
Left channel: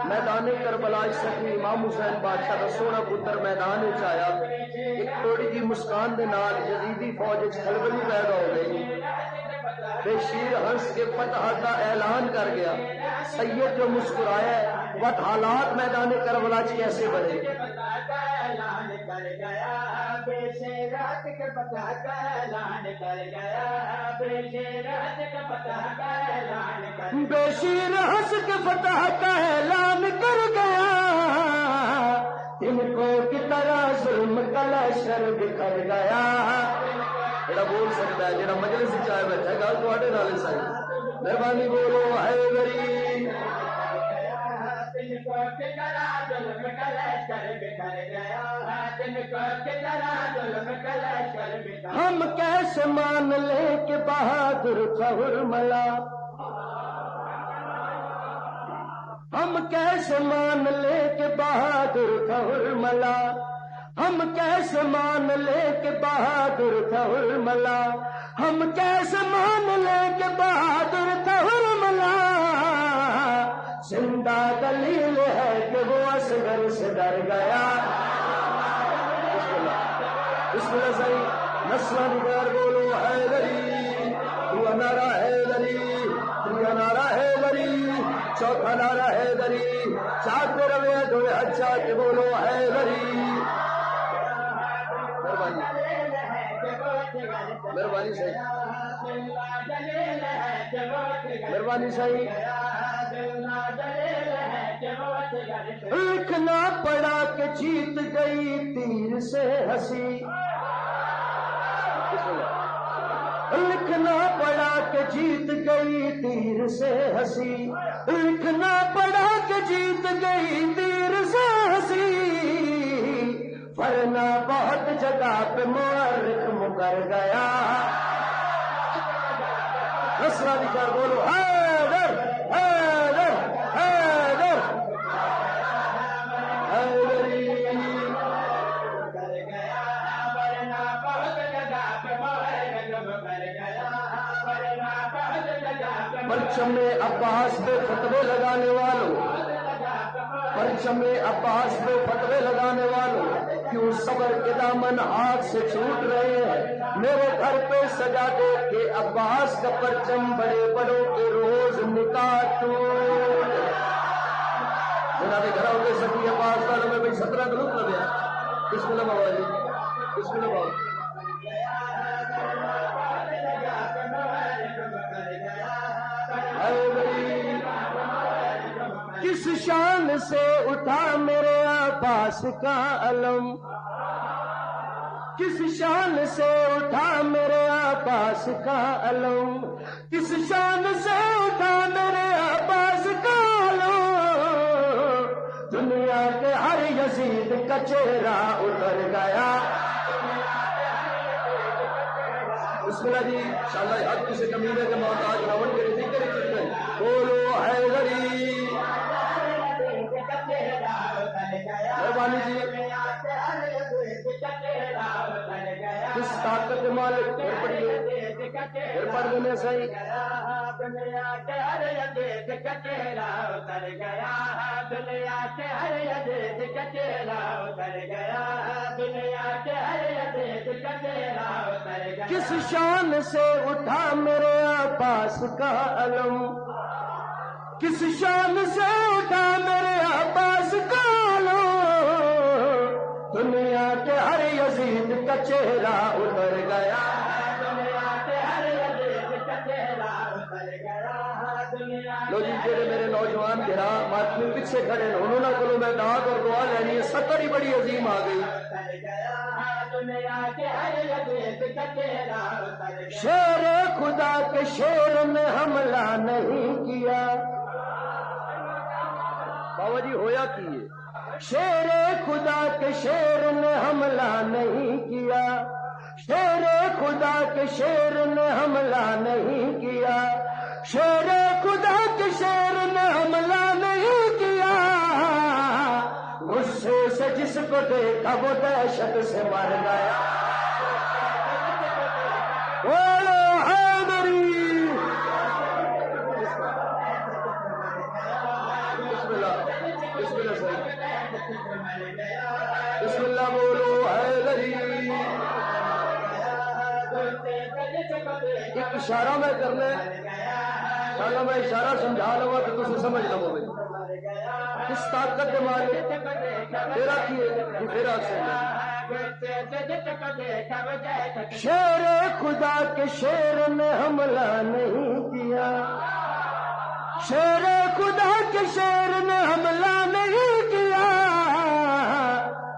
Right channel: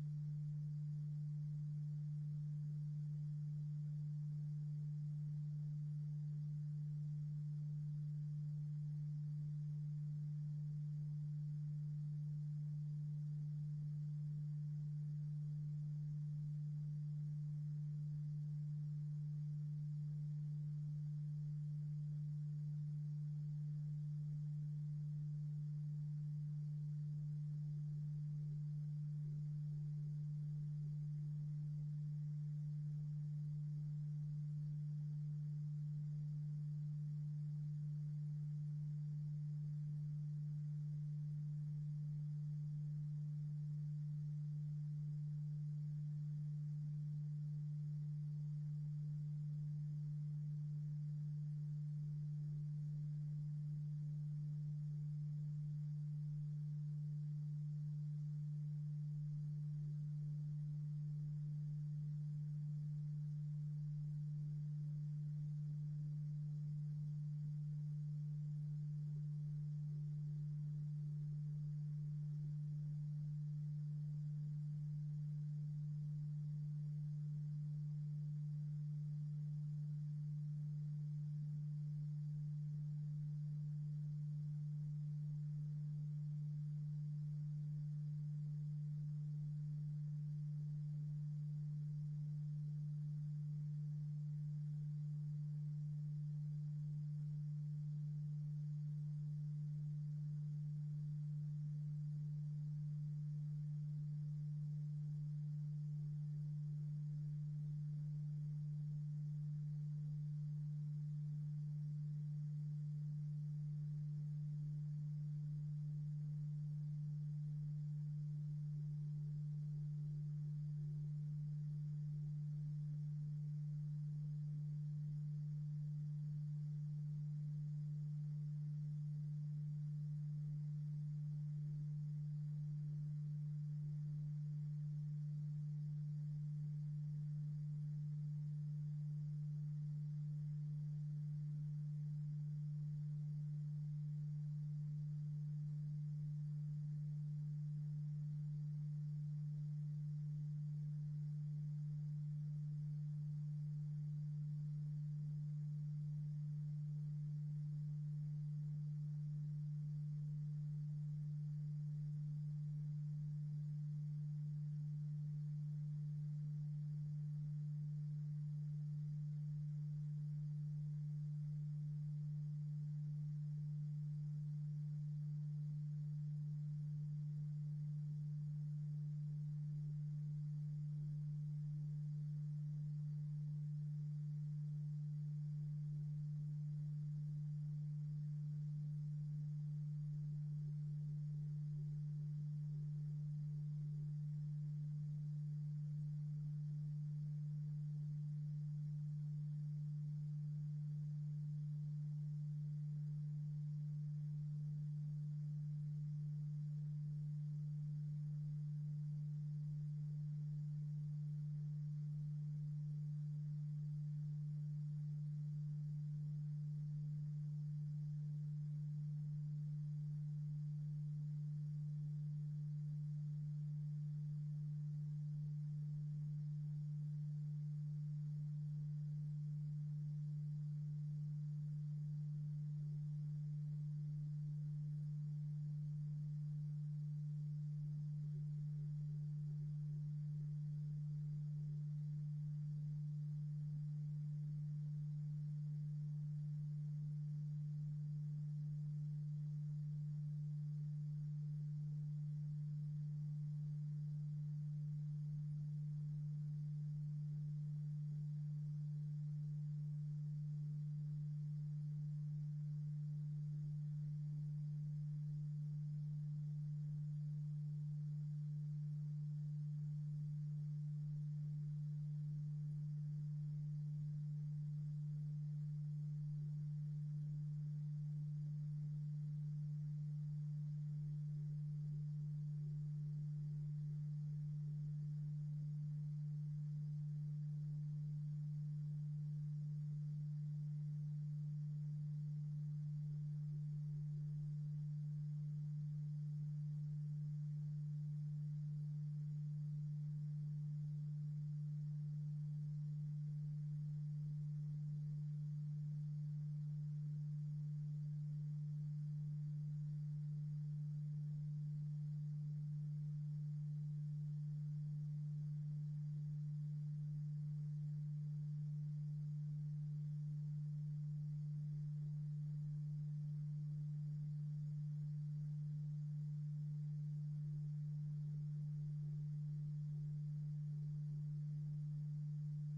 میدان کربلا سکی امام حسین بادشاہ کا سونا پتر میدان وچ آیا. ایک تھوڑی جی مسکان دے نال یزیدی فوج وچ کھلبلی پیدا ہو گئی. بے شیر ہنس کے فتح کا اعلان کر گیا. سید جو مسکرایا ہے وقت حالات میدان کربلا چ کیسے بڑھے. بے شیر ہنس کے فتح کا اعلان کر گیا، ان کو کی طرح ظلم کا لشکر بکھر گیا. جڑا بول سکتا ہے جڑا مجلس وچ آیا بیٹھا ہے گل تواڈے نال ہے ساری. مہربانی بولو حیدری. ہم کیسے مان لیں کہ بہادر تھا حرملا، ہم کیسے مان لیں کہ بہادر تھا حرملا، ہم کیسے مان لیں کہ بہادر تھا حرملا، ہم کیسے مان لیں کہ بہادر تھا حرملا. زندہ دلیل ہے کہ وہ اصغر سے ڈر گیا. بسم اللہ صحیح. نسلہ نگار بولو حیدری. دو نعرہ حیدری، تیسرا نعرہ حیدری، چوتھا نعرہ حیدری. چاہتے روے دو اچھا کے بولو حیدری. مہربانی مہربانی صحیح مہربانی صحیح. لکھنا پڑا کہ جیت گئی تیر سے ہنسی، لکھنا پڑا کہ جیت گئی تیر سے ہنسی، لکھنا پڑا کہ جیت گئی تیر سے ہنسی. ورنہ بہت جگہ پہ مورخ مکر گیا. نسلہ نگار بولو حیدر حیدر حیدر حیدری. پرچم عباس پہ فتوے لگانے والوں، پرچم عباس پہ فتوے لگانے والوں، کیوں صبر کے دامن ہاتھ سے چھوٹ رہے ہیں. میرے گھر پہ سجا دے کے عباس کا پرچم بڑے بڑوں کے روز نکاح ٹوٹ. جناب گھر ہو گئے سکی عباس والوں میں بھائی 17 کا لطف لگیا. بسم اللہ بابا جی بسم اللہ بابا. کس شان سے اٹھا میرے عباس کا علم، کس شان سے اٹھا میرے عباس کا علم، کس شان سے اٹھا میرے عباس کا علم. دنیا کے ہر یزید کا چہرہ اتر گیا. بسم اللہ جی انشاءاللہ حق کسی کمینے کے محتاج راون کے رزق کے رزق میں بولو حیدری. مہربانی جی. کس طاقت مالک پھر پڑھیے پھر پڑھ دینے صحیح. دنیا کے ہر یزید کا چہرہ اتر گیا، دنیا کے ہر یزید کا چہرہ اتر گیا، دنیا کے ہر یزید کا چہرہ اتر گیا. کس شان سے اٹھا میرے عباس کا علم، کس شان سے اٹھا میرے عباس کا علم. دنیا کے ہر یزید کا چہرہ اتر گیا، دنیا کے ہر یزید کا چہرہ اتر گیا، دنیا کھڑے انہوں کو میں دعات اور دعا لینی ہے. سطر ہی بڑی عظیم آ گئی. شیر خدا کے شیر نے حملہ نہیں کیا. بابا جی ہویا کیے شیر خدا کے شیر نے حملہ نہیں کیا. شیر خدا کے شیر نے حملہ نہیں کیا. شیر خدا کے شیر نے حملہ نہیں کیا. غصے سے جس کو دیکھا وہ دہشت سے مر گیا. بولو حیدری. بسم اللہ بسم اللہ صحیح. بسم اللہ بولو حیدری. ایک اشارہ میں کرنا چلو میں اشارہ سمجھا لوں تو تم سمجھ لو. کس طاقت کے مالک تیرا کیے تیرا سے شیر خدا کے شیر نے حملہ نہیں کیا. شیر خدا کے شیر نے حملہ نہیں کیا.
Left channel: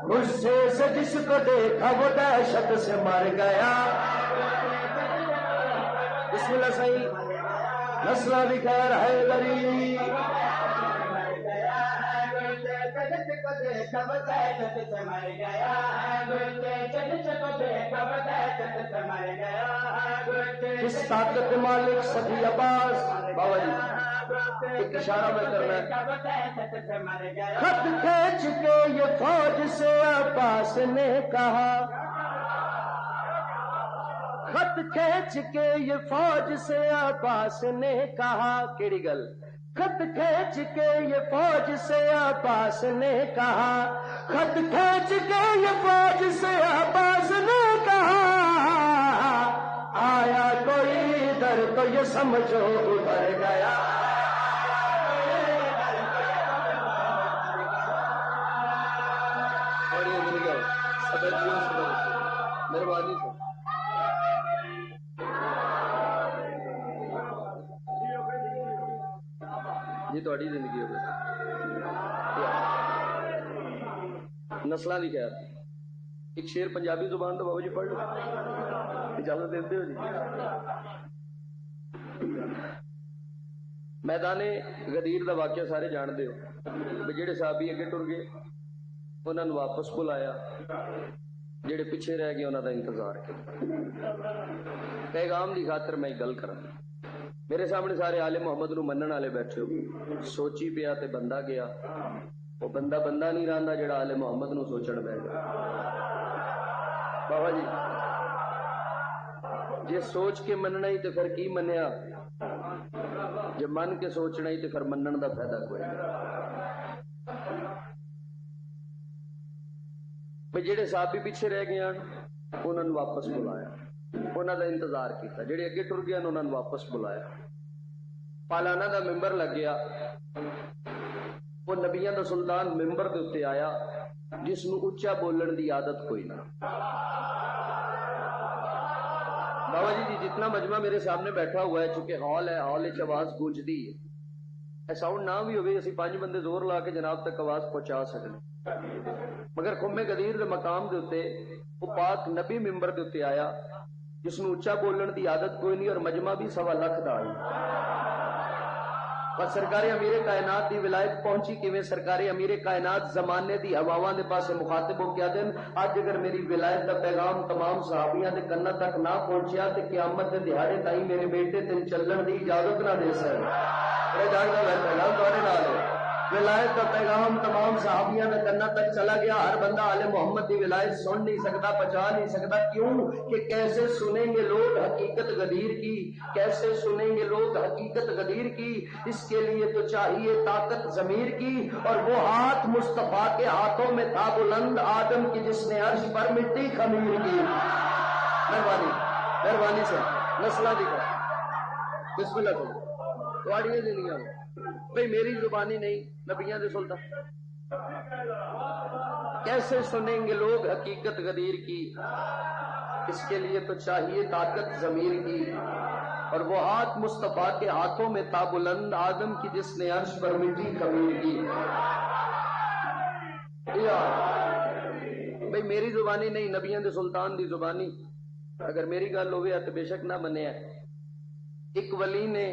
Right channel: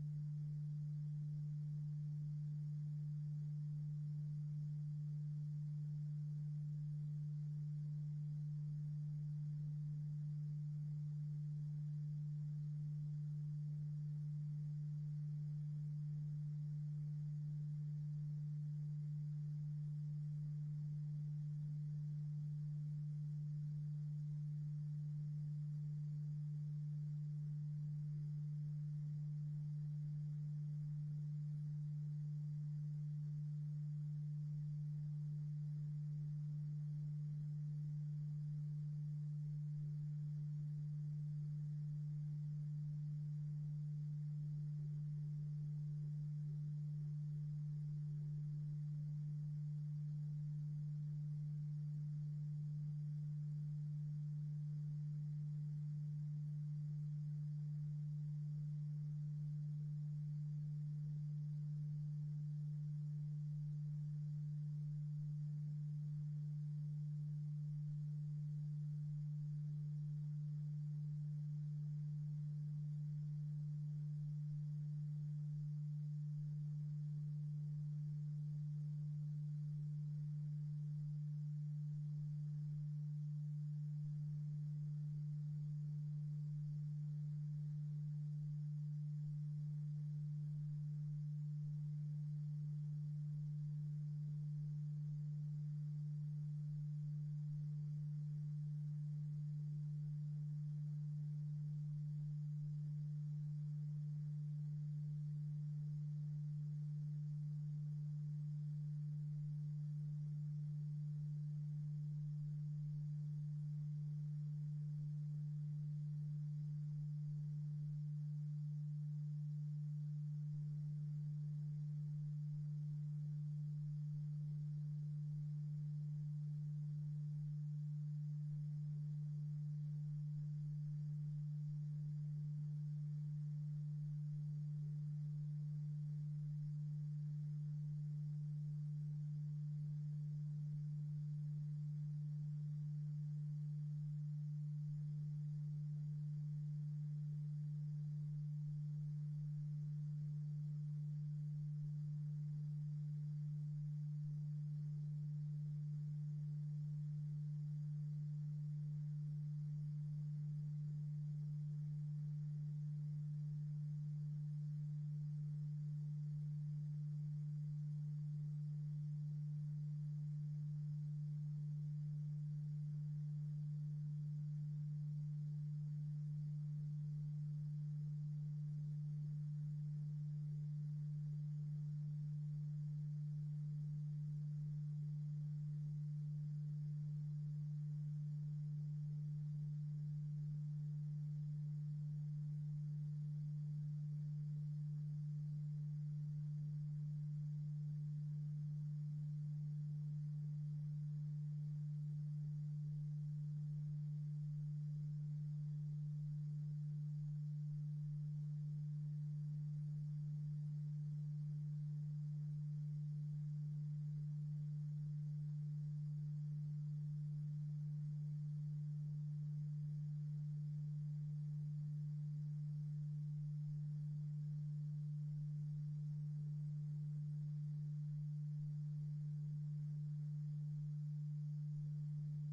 غصے سے جس کو دیکھا وہ دہشت سے مر گیا. بسم اللہ صحیح. نسلہ بھی خیر حیدری. کس طاقت مالک سخی عباس. بابا جی ایک اشارہ میں کرنا ہے. خط کھینچ کے یہ فوج سے عباس نے کہا. خط کھینچ کے یہ فوج سے عباس نے کہا. کیڑی گل. خط کھینچ کے یہ فوج سے عباس نے کہا. خط کھینچ کے یہ فوج سے عباس نے کہا. آیا کوئی ادھر تو یہ سمجھو ادھر گیا. مہربانی سے جی تھوڑی زندگی ہو نسلوں کی خیر. ایک شیر پنجابی زبان تو بابا جی پڑھ لو اجازت دیتے ہو جی. میدان غدیر دا واقعہ سارے جانتے ہو. جہے صحابی اگے ٹر گئے انہوں نے واپس بلایا. جہے پیچھے رہ گئے انہوں کا انتظار کیا. پیغام کی خاطر میں گل کر. میرے سامنے سارے آل محمد نو منن والے بیٹھے ہو. سوچی پیا تے بندہ گیا. وہ بندہ نہیں رہندا جڑا آل محمد نو سوچن بیٹھ گیا. بابا جی جے سوچ کے مننا ہی تے پھر کی منیا. جے من کے سوچنا ہی تے پھر منن دا فائدہ کوئی نہیں. جڑے صحابی پیچھے رہ گئے انہوں نے واپس بلایا. انہوں دا انتظار کیتا. جڑے اگے ٹر گئے انہوں نے واپس بلایا. پالانا دا ممبر لگ گیا. وہ نبیاں دا سلطان ممبر دے اتنے آیا جس نو اچا بولن دی عادت کوئی نہ. بابا جی جتنا مجمع میرے سامنے بیٹھا ہوا ہے چونکہ ہال ہے, ہال وچ آواز گونجدی ہے. ساؤنڈ نہ بھی ہوئے اسی 5 بندے زور لا کے جناب تک آواز پہنچا سکتے. مگر خم غدیر دے مقام دے اتے وہ پاک نبی ممبر دے اتے آیا جس نو اچا بولن دی عادت کوئی نہیں اور مجمع بھی 1.25 لاکھ دا آئی. پر سرکار امیر کائنات دی ولایت پہنچی کیویں. سرکار امیر کائنات زمانے دی ہواواں دے پاسے مخاطب ہو کیا دن اج اگر میری ولایت دا پیغام تمام صحابیاں دے کناں تک نہ پہنچیا تے قیامت دے دہاڑے تائیں میرے بیٹے تن چلن دی اجازت نہ دے سکے. میرے جاندا ہے پیغام تواڈے نال ہے. ولایت کا پیغام تمام صحابیاں نے کناں تک چلا گیا. ہر بندہ آل محمد کی ولایت سن نہیں سکتا, پہچان نہیں سکتا. کیوں کہ کیسے سنیں گے لوگ حقیقت غدیر کی, کیسے سنیں گے لوگ حقیقت غدیر کی. اس کے لیے تو چاہیے طاقت ضمیر کی. اور وہ ہاتھ مصطفیٰ کے ہاتھوں میں تھا بلند آدم کی جس نے عرش پر مٹی خمیر کی. مہربانی سے نسلہ دکھا. بسم اللہ کرو تھوڑی دنیا میں بھئی میری زبانی نہیں نبیاں دے سلطان. کیسے سنیں گے لوگ حقیقت غدیر کی. اس کے لیے تو چاہیے طاقت ضمیر کی. اور وہ ہاتھ مصطفیٰ کے ہاتھوں میں تھا بلند آدم کی جس نے عرش پر مٹی خمیر کی. بھئی میری زبانی نہیں، نبیوں دے سلطان دی زبانی اگر میری گل ہوئے تو بے شک نہ منیا۔ ایک ولی نے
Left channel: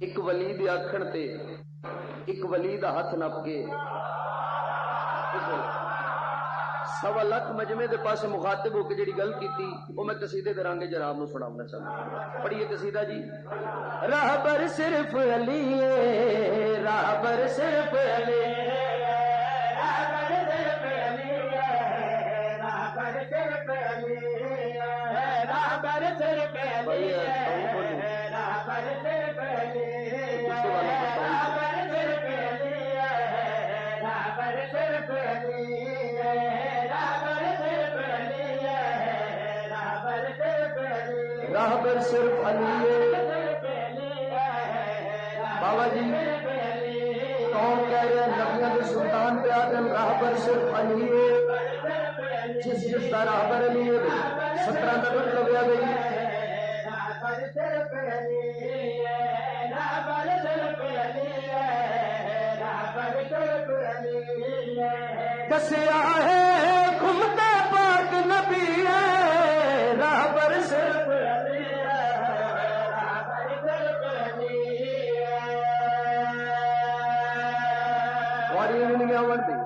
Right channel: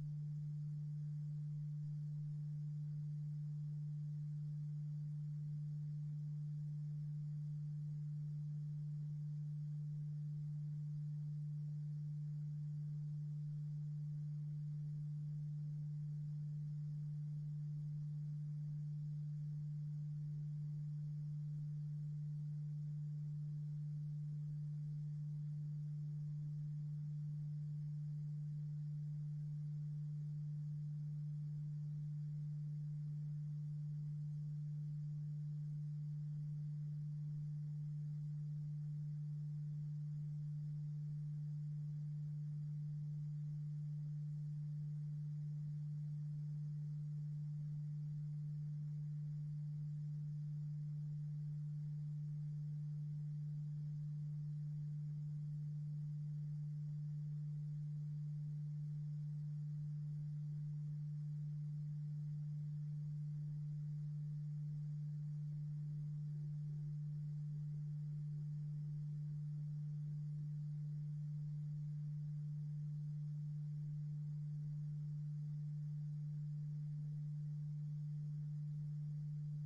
ایک ولی دی آکھن تے ایک ولی دا ہاتھ نپ کے 1.25 لاکھ مجمع دے پاس مخاطب ہو کے جڑی گل کیتی وہ میں قصیدے دے رنگ جناب نو سناؤنا چاہتا ہوں۔ پڑھیے قصیدہ جی۔ راہبر صرف علی ہے، راہبر صرف علی ہے، راہبر صرف علی ہے، راہبر صرف علی ہے، راہبر صرف علی ہے، راہبر صرف علی ہے، راہبر صرف علی ہے، راہبر صرف علی ہے، راہبر صرف علی ہے، راہبر صرف علی ہے، راہبر صرف علی ہے۔ بابا جی کون کہہ رہے ہیں نبیوں کے سلطان پہ آدم راہبر صرف علی ہے، جس جس کا راہبر علی ہے 17 کا دن لگیا گئی۔ راہبر صرف علی ہے، راہبر صرف علی ہے، راہبر صرف علی ہے، کسیا ہے گھومتے پاک نبی ہے، راہبر صرف علی ہے، راہبر صرف علی ہے۔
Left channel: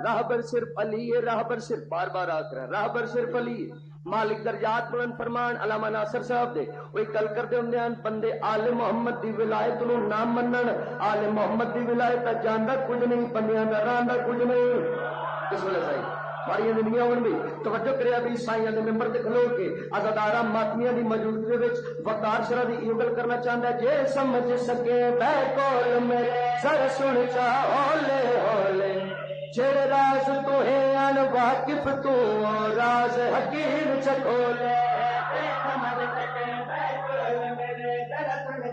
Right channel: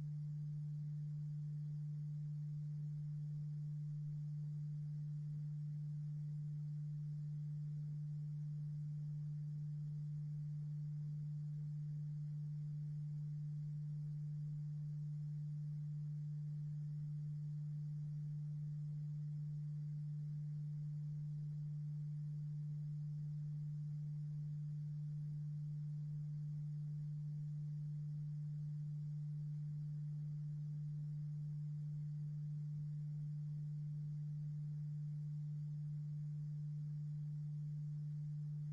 راہبر صرف علی ہے، راہبر صرف بار بار آ کر راہبر صرف علی ہے۔ مالک درجات بلند فرمان علامہ ناصر صاحب دے وہی کل کرتے ہوں بندے آل محمد دی ولایت نو نہ منن، آل محمد دی ولایت جاندا کچھ نہیں، بندیاں دا راندا کچھ نہیں۔ اس ویلے صحیح بڑی دنیا ہون بھی توجہ کریا بھی سائیاں دے ممبر تے کھلو کے عزاداراں ماتمیاں دی موجودگی وچ وقار شرح دی ایو گل کرنا چاہندا ہے جے سمجھ سکے بے کول میرے سر سن چا ہولے ہولے، جڑے راز تو ہے ان واقف تو راز حکیم چکھولے،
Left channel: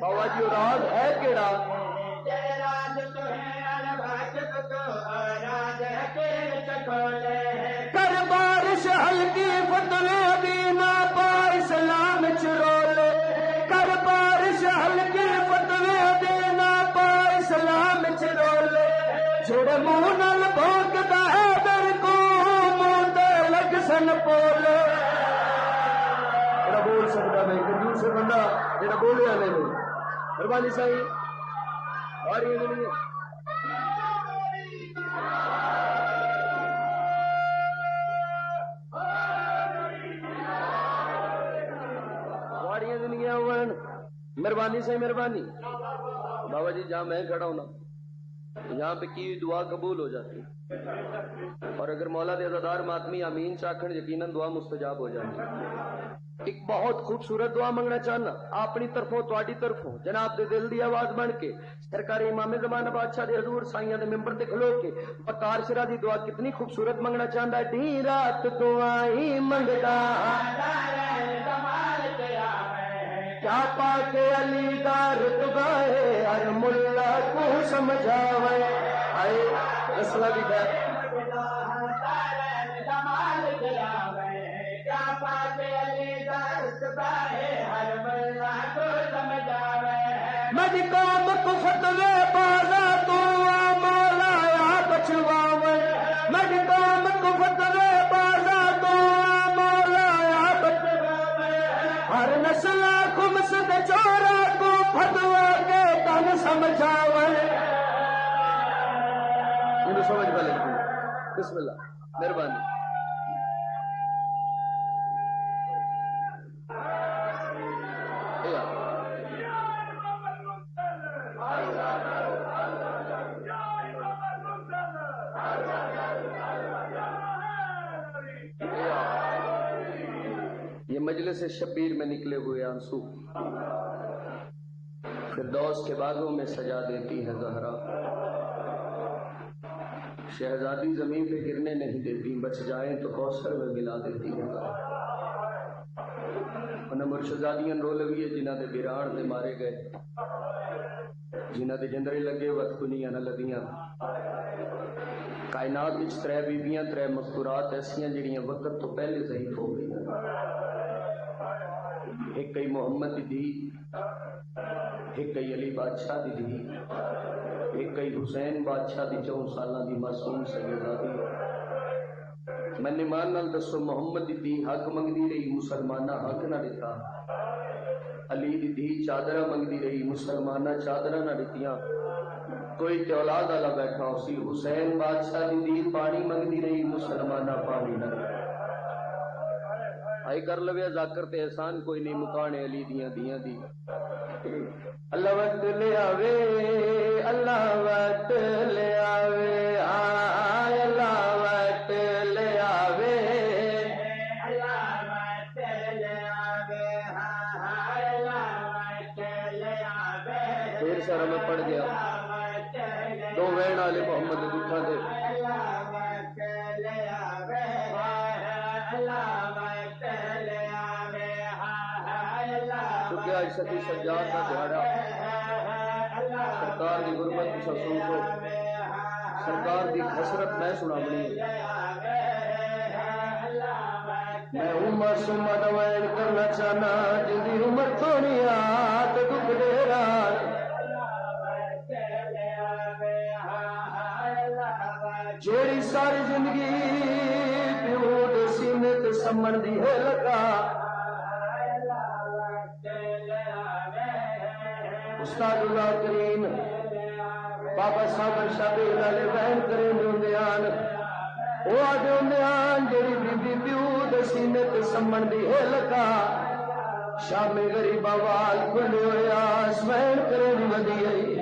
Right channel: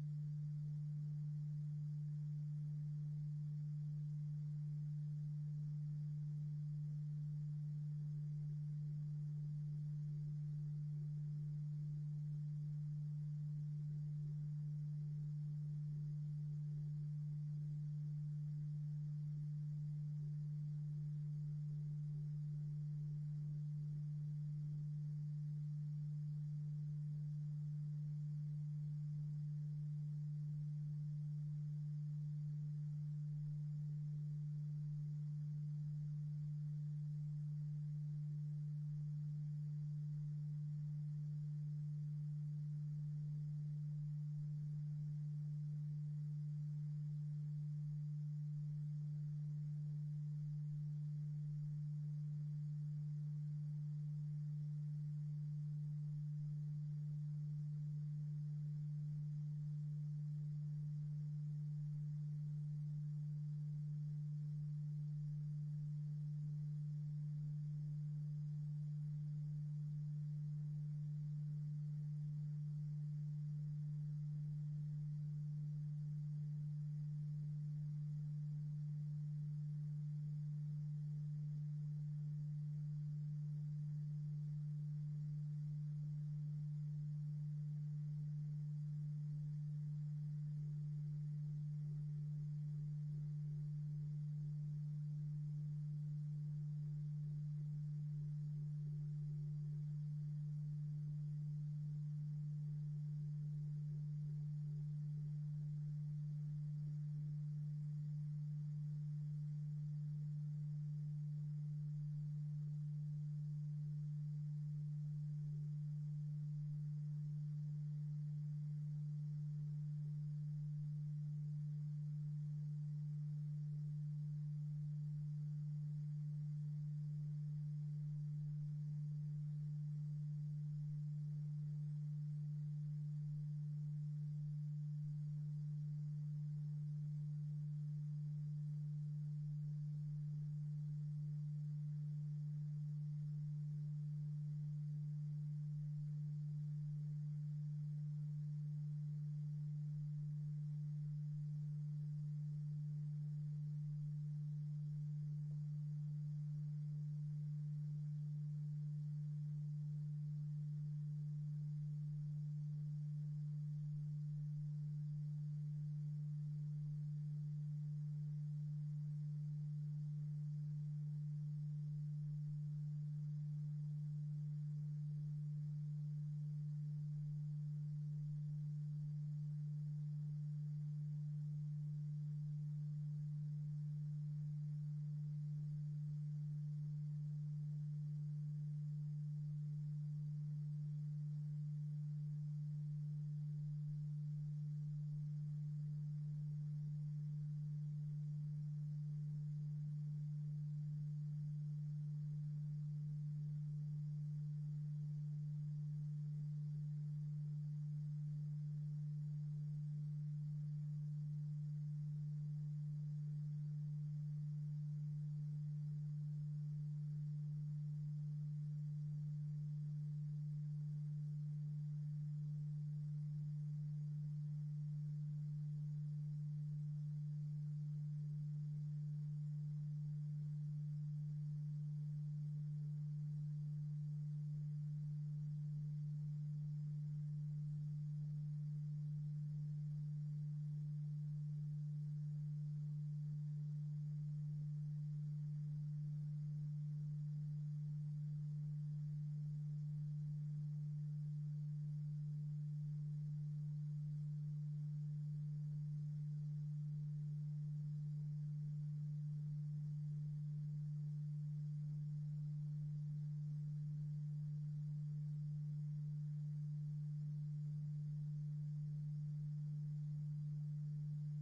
بابا جی راز ہے کیڑا؟ جڑے راز تو ہے ان واقف تو راز حکیم چکھولے، کر بارش ہلکی فتوے دینا پا اسلام چرولے، کر بارش ہلکی فتوے دینا پا اسلام چرولے، جڑے منہ نال بھونکدا ہے در کو منہ تے لگ سن پولے۔ جڑا بول سکتا ہے کنجوس بندہ جڑا بولیا نہیں مہربانی صحیح اور یہ نہیں مہربانی سے مہربانی بابا جی جہاں میں کھڑا ہوں نا یہاں پہ کی دعا قبول ہو جاتی اور اگر مولا دے عزادار ماتمی آمین چاکھن یقیناً دعا مستجاب ہو جاتی۔ ایک بہت خوبصورت دعا منگنا چاہنا اپنی طرفوں تواڈی طرفوں جناب دے دل دی آواز بن کے سرکار امام زمانہ بادشاہ دے حضور سائیاں دے ممبر تے کھلو کے وقار شرح دی دعا کتنی خوبصورت منگنا چاہندا ہے۔ ڈی رات دعائیں منگدا کیا پا کے علی دا رتبہ ہے ہر ملا کو سمجھاوے آئے رسولہ بھی ہے مجھ قوم کو فتوے بازا تو مولا یا بچواوے، مجھ قوم کو فتوے بازا تو مولا یا بچواوے، ہر نسل خمس دے چورا کو فتوا کے تن سمجھاوے۔ یہ سمجھ والے بسم اللہ مہربانی۔ یہ مجلس شبیر میں نکلے ہوئے آنسو فردوس کے باغوں میں سجا دیتی ہے زہرا، شہزادی زمین پہ گرنے نہیں دیتی، بچ جائیں تو کوثر میں ملا دیتی ہے انہیں مرشدادیاں رولویے جنہ دے بیران دے مارے گئے، جنہ دے جندرے لگے وقت کنیاں نہ لگیاں۔ کائنات وچ ترے بیبیاں ترے مذکورات ایسیاں جڑیاں وقت تو پہلے ضعیف ہو گئی، ایک کئی محمد دی دھی، ایک کئی علی بادشاہ دی دھی، ایک کئی حسین بادشاہ دی 4 سالہ دی معصوم سیدزادی میں ایمان نال دسو محمد دی دھی حق منگدی رہی مسلمانہ حق نہ دتا علی دی دھی چادرہ منگدی رہی مسلمانہ چادرہ نہ دتیاں کوئی تے اولاد والا بیٹھا اسی حسین بادشاہ دی دھی پانی منگدی رہی مسلمانہ پانی نہ دتا آئی کر لویا ذاکر تے احسان کوئی نہیں مکانے علی دیاں دیاں دی اللہ وقت لے آوے اللہ وقت لے آوے آئے اللہ وقت لے آوے اللہ وقت لے آوے اللہ وقت لے آوے پھر سارا میں پڑھ گیا دو وین والے محمد دکھا دے چونکہ آج ستی سجاد کا دہاڑا سرکار دی غربت کی سسوں کو سرکار دی حسرت میں سنا بنی میں عمر سمت وین کرنا چاہنا جن دی عمر تھوڑی آت دکھ دے رات جیڑی ساری زندگی پیود سینت سمن دی ہے لگا استاد اللہ کریم بابا صاحب شبیل علی بہن کریم ہوندیان وہ آدھے ہوندیان جیڑی بی بی پیود سینت سمن دی ہے لگا شام غریب آوال کھلے ہوئے آسمین کریم ودی آئی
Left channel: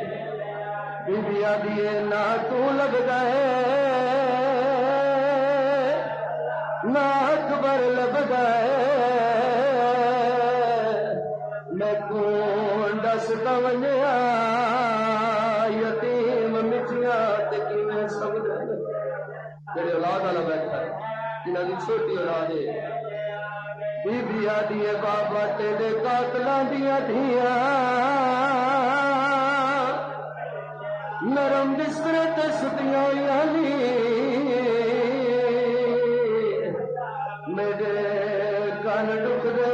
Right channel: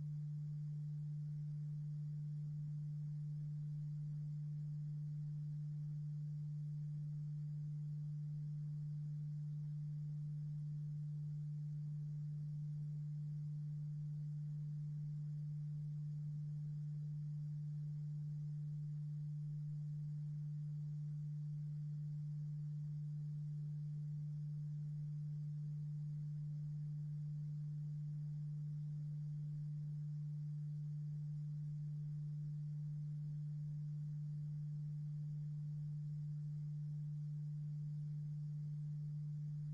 بی بی آدھیے نہ تو لگ گئے نہ اکبر لگ گئے میں کون دستا ونیا یتیم مٹیاں تکی میں سب جڑے اولاد والا بیٹھا ہے جنہاں دی چھوٹی اولاد ہے بی بی آدھیے بابا تیرے قاتلاں دیاں دھیاں نرم بستر تے ستیاں ہوئیاں نی میرے کان ڈک دے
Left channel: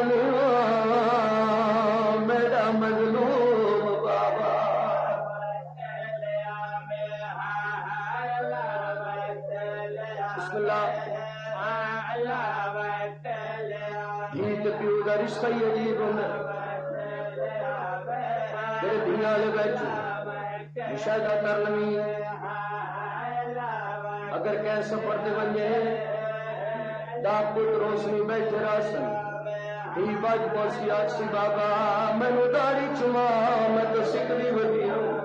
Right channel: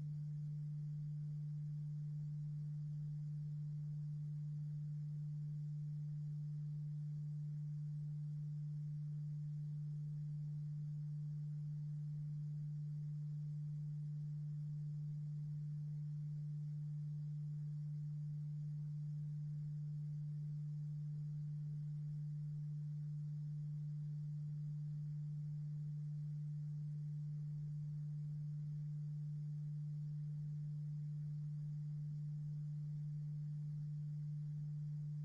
میرا مظلوم بابا بسم اللہ جیت پیو دا رشتہ ہی عجیب ہونا میرے دنیا لے بیٹھے مشاہدہ کر لوی اگر کیسے پڑھتے بنجے ڈاک پت روشنی بیٹھے راسن ہی بج پوسی آچی بابا میں نو داڑی چما میں تو سکری بڑی ہوں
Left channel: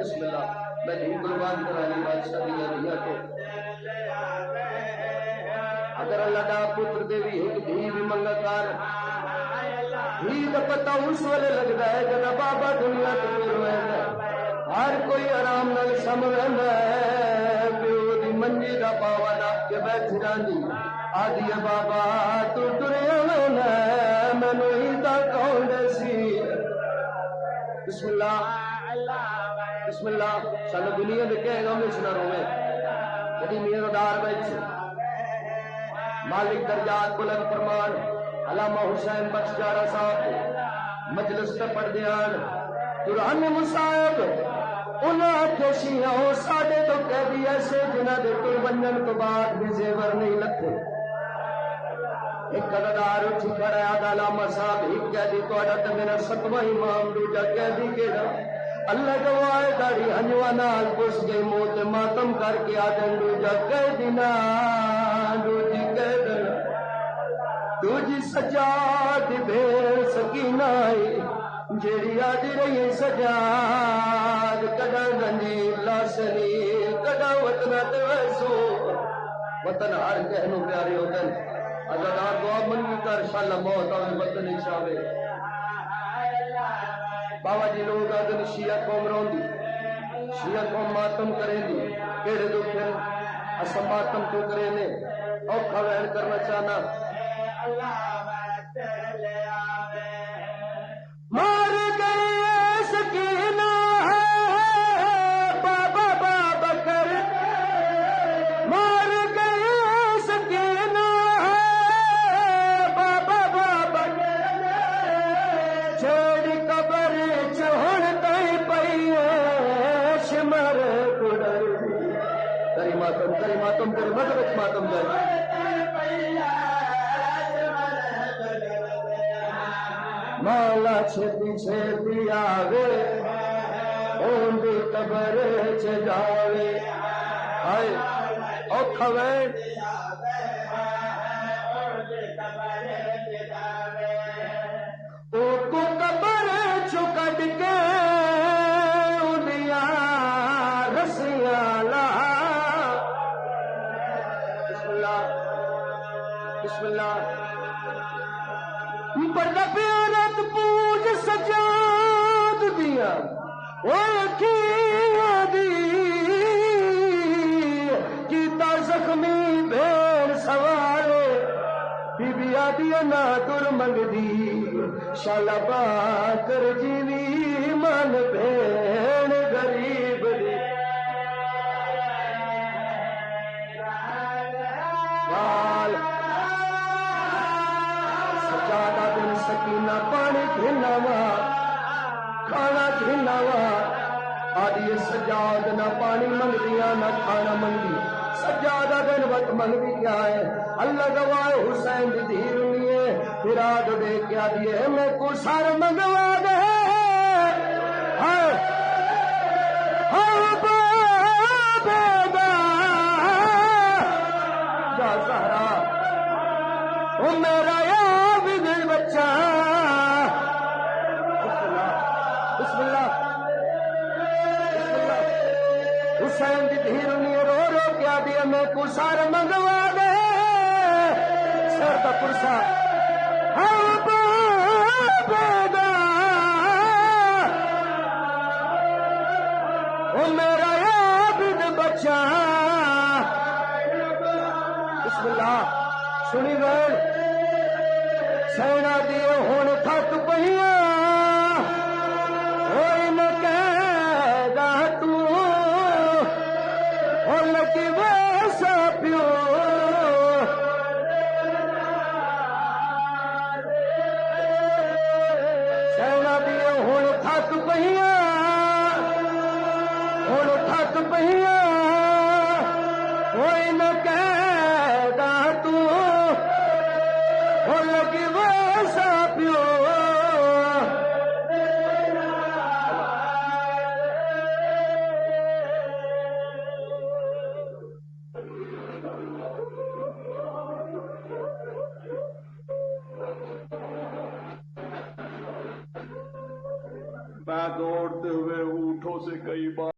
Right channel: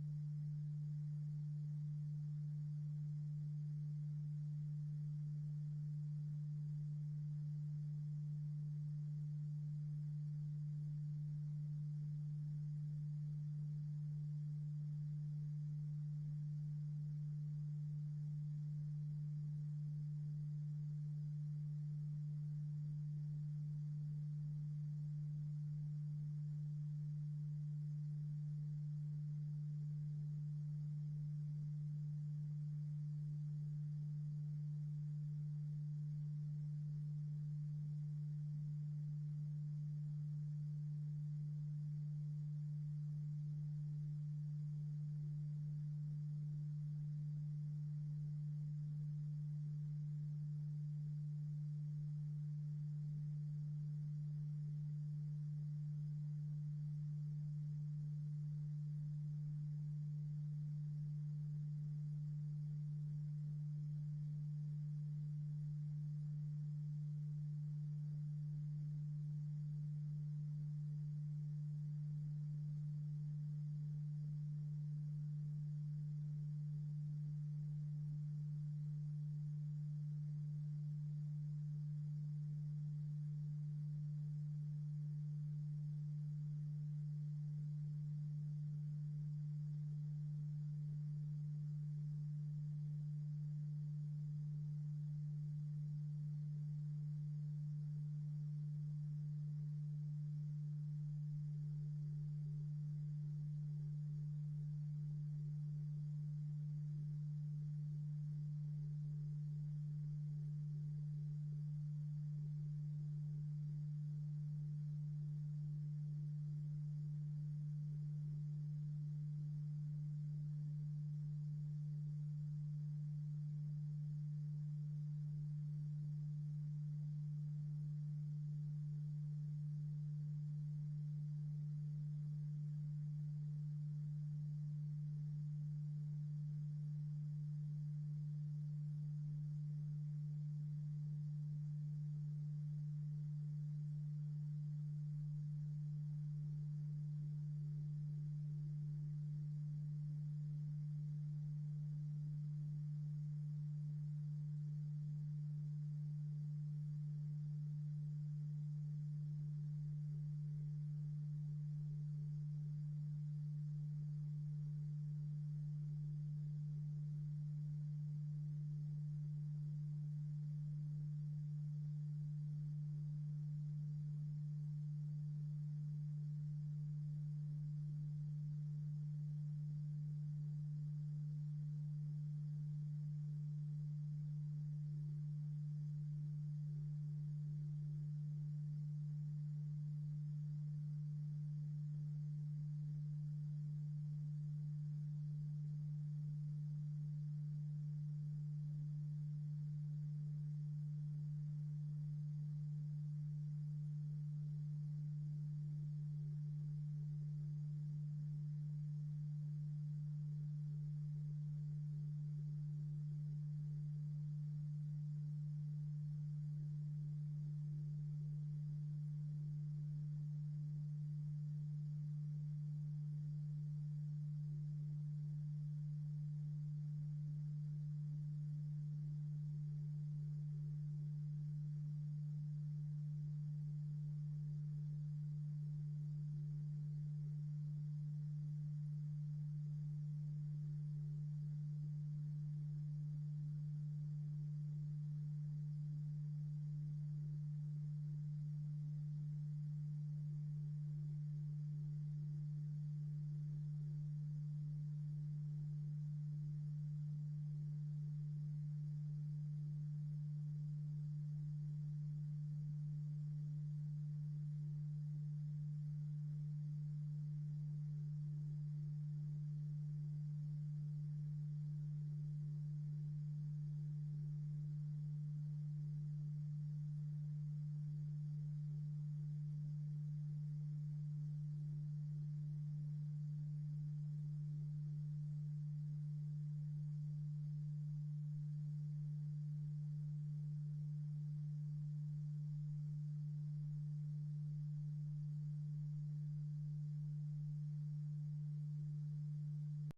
بسم اللہ میں دھی قربان کرانی بادشاہ دیا دیا تو اگر اللہ ڈاک پتر دے بھی ایک دھی بھی منگا کار ہی دا پتہ اس والے لگتا ہے جب بابا دنیا تو روئے ہر کوئی آرام نال سمجھندا ہے پیو دی منجی دا پاوا ناپ کے بیٹھ جاندی آدھی بابا تو ٹریا وینا مینوں ہی دا کون دسی بسم اللہ بسم اللہ سانو دنیا دے کہے گا میں سنا روے کدی میرا دار بیٹھ مالک درجات بلند فرمان علامہ حسین بخش جارا صاحب مجلس تے پڑھ دیان قرآن مصاحب انہاں کشیاں ساڈے تو قیدی ایسے جنہاں دے تر بنن تو بعد بھی زیور نہیں لکھے ایک قدردار اٹھی کھڑا ہے علامہ صاحب ایک قیدی تہاڈا تے میرا 7واں امام دوجا قیدی کیڑا اللہ گواہ داڑھی ہنجوا نال پس گئی موت ماتم کر کے آدن دوجا قیدی نال دوجی قیدن دوجی سجاد بھیڑ سکینہ آئی جیڑی آج رہی سجاد کدا گنجی لاسنی کدا وطنہ ویسو وطن ہر کہنو پیارے ہوتن اگر آپ دعا منگی کر شاءاللہ موت آوے وطن اچھاوے بابا جی لوگ آدھن شیعہ قوم رون دی شیعہ قوم ماتم کریں دی کیڑے دکھیں اسا ماتم تو کریں دے اوکھا وین کرنا چاہنا مار گئے سکینہ ہے بابا بابا کر مار گئے سکینہ ہے بابا بابا چھوڑ قبر چھوڑ دے پئی مولا چھتی چھتی آوے اون دی قبر چ جاوے ہائے اوکھا وے او کو قبر چ کڈ کے اونیاں رسیاں لا بسم اللہ پردہ پیارت پوج سجاد دیا اکھیاں دی کیتا زخمی بھیڑ سوارے بی بی آدیا نہ در منگ دی شالا با کر جیوی من بھیڑ غریب دی وال سجادہ دن سکینہ پانی گھنا وا کھانا گھنا وا آدھی سجاد نہ پانی منگ دیا نہ کھانا منگ دی سجادہ دن وقت منگ بھی کیا ہے اللہ گواہ حسین دی دھیر ہوئے پھر آدھ دے کیا دیئے میں کو سار منگوا دے ہائے ہائے بابا جا سہرا او میرا عابد بچہ بسم اللہ بسم اللہ حسین دی دھیرنی رو رو کیا دیا میں کو سار منگوا دے سر دا پرسا ہاں بابا او میرا عابد بچہ بسم اللہ سنی ویل سینا دیو ہون تھک پہیاں ہوئی نہ کہہ گا تو او لگی ویسا پیو سینا دیو ہون تھک پہیاں ہون تھک پہیاں ہوئی نہ کہہ گا تو او لگی ویسا پیو میں دوڑتے ہوئے اونٹوں سے کئی بار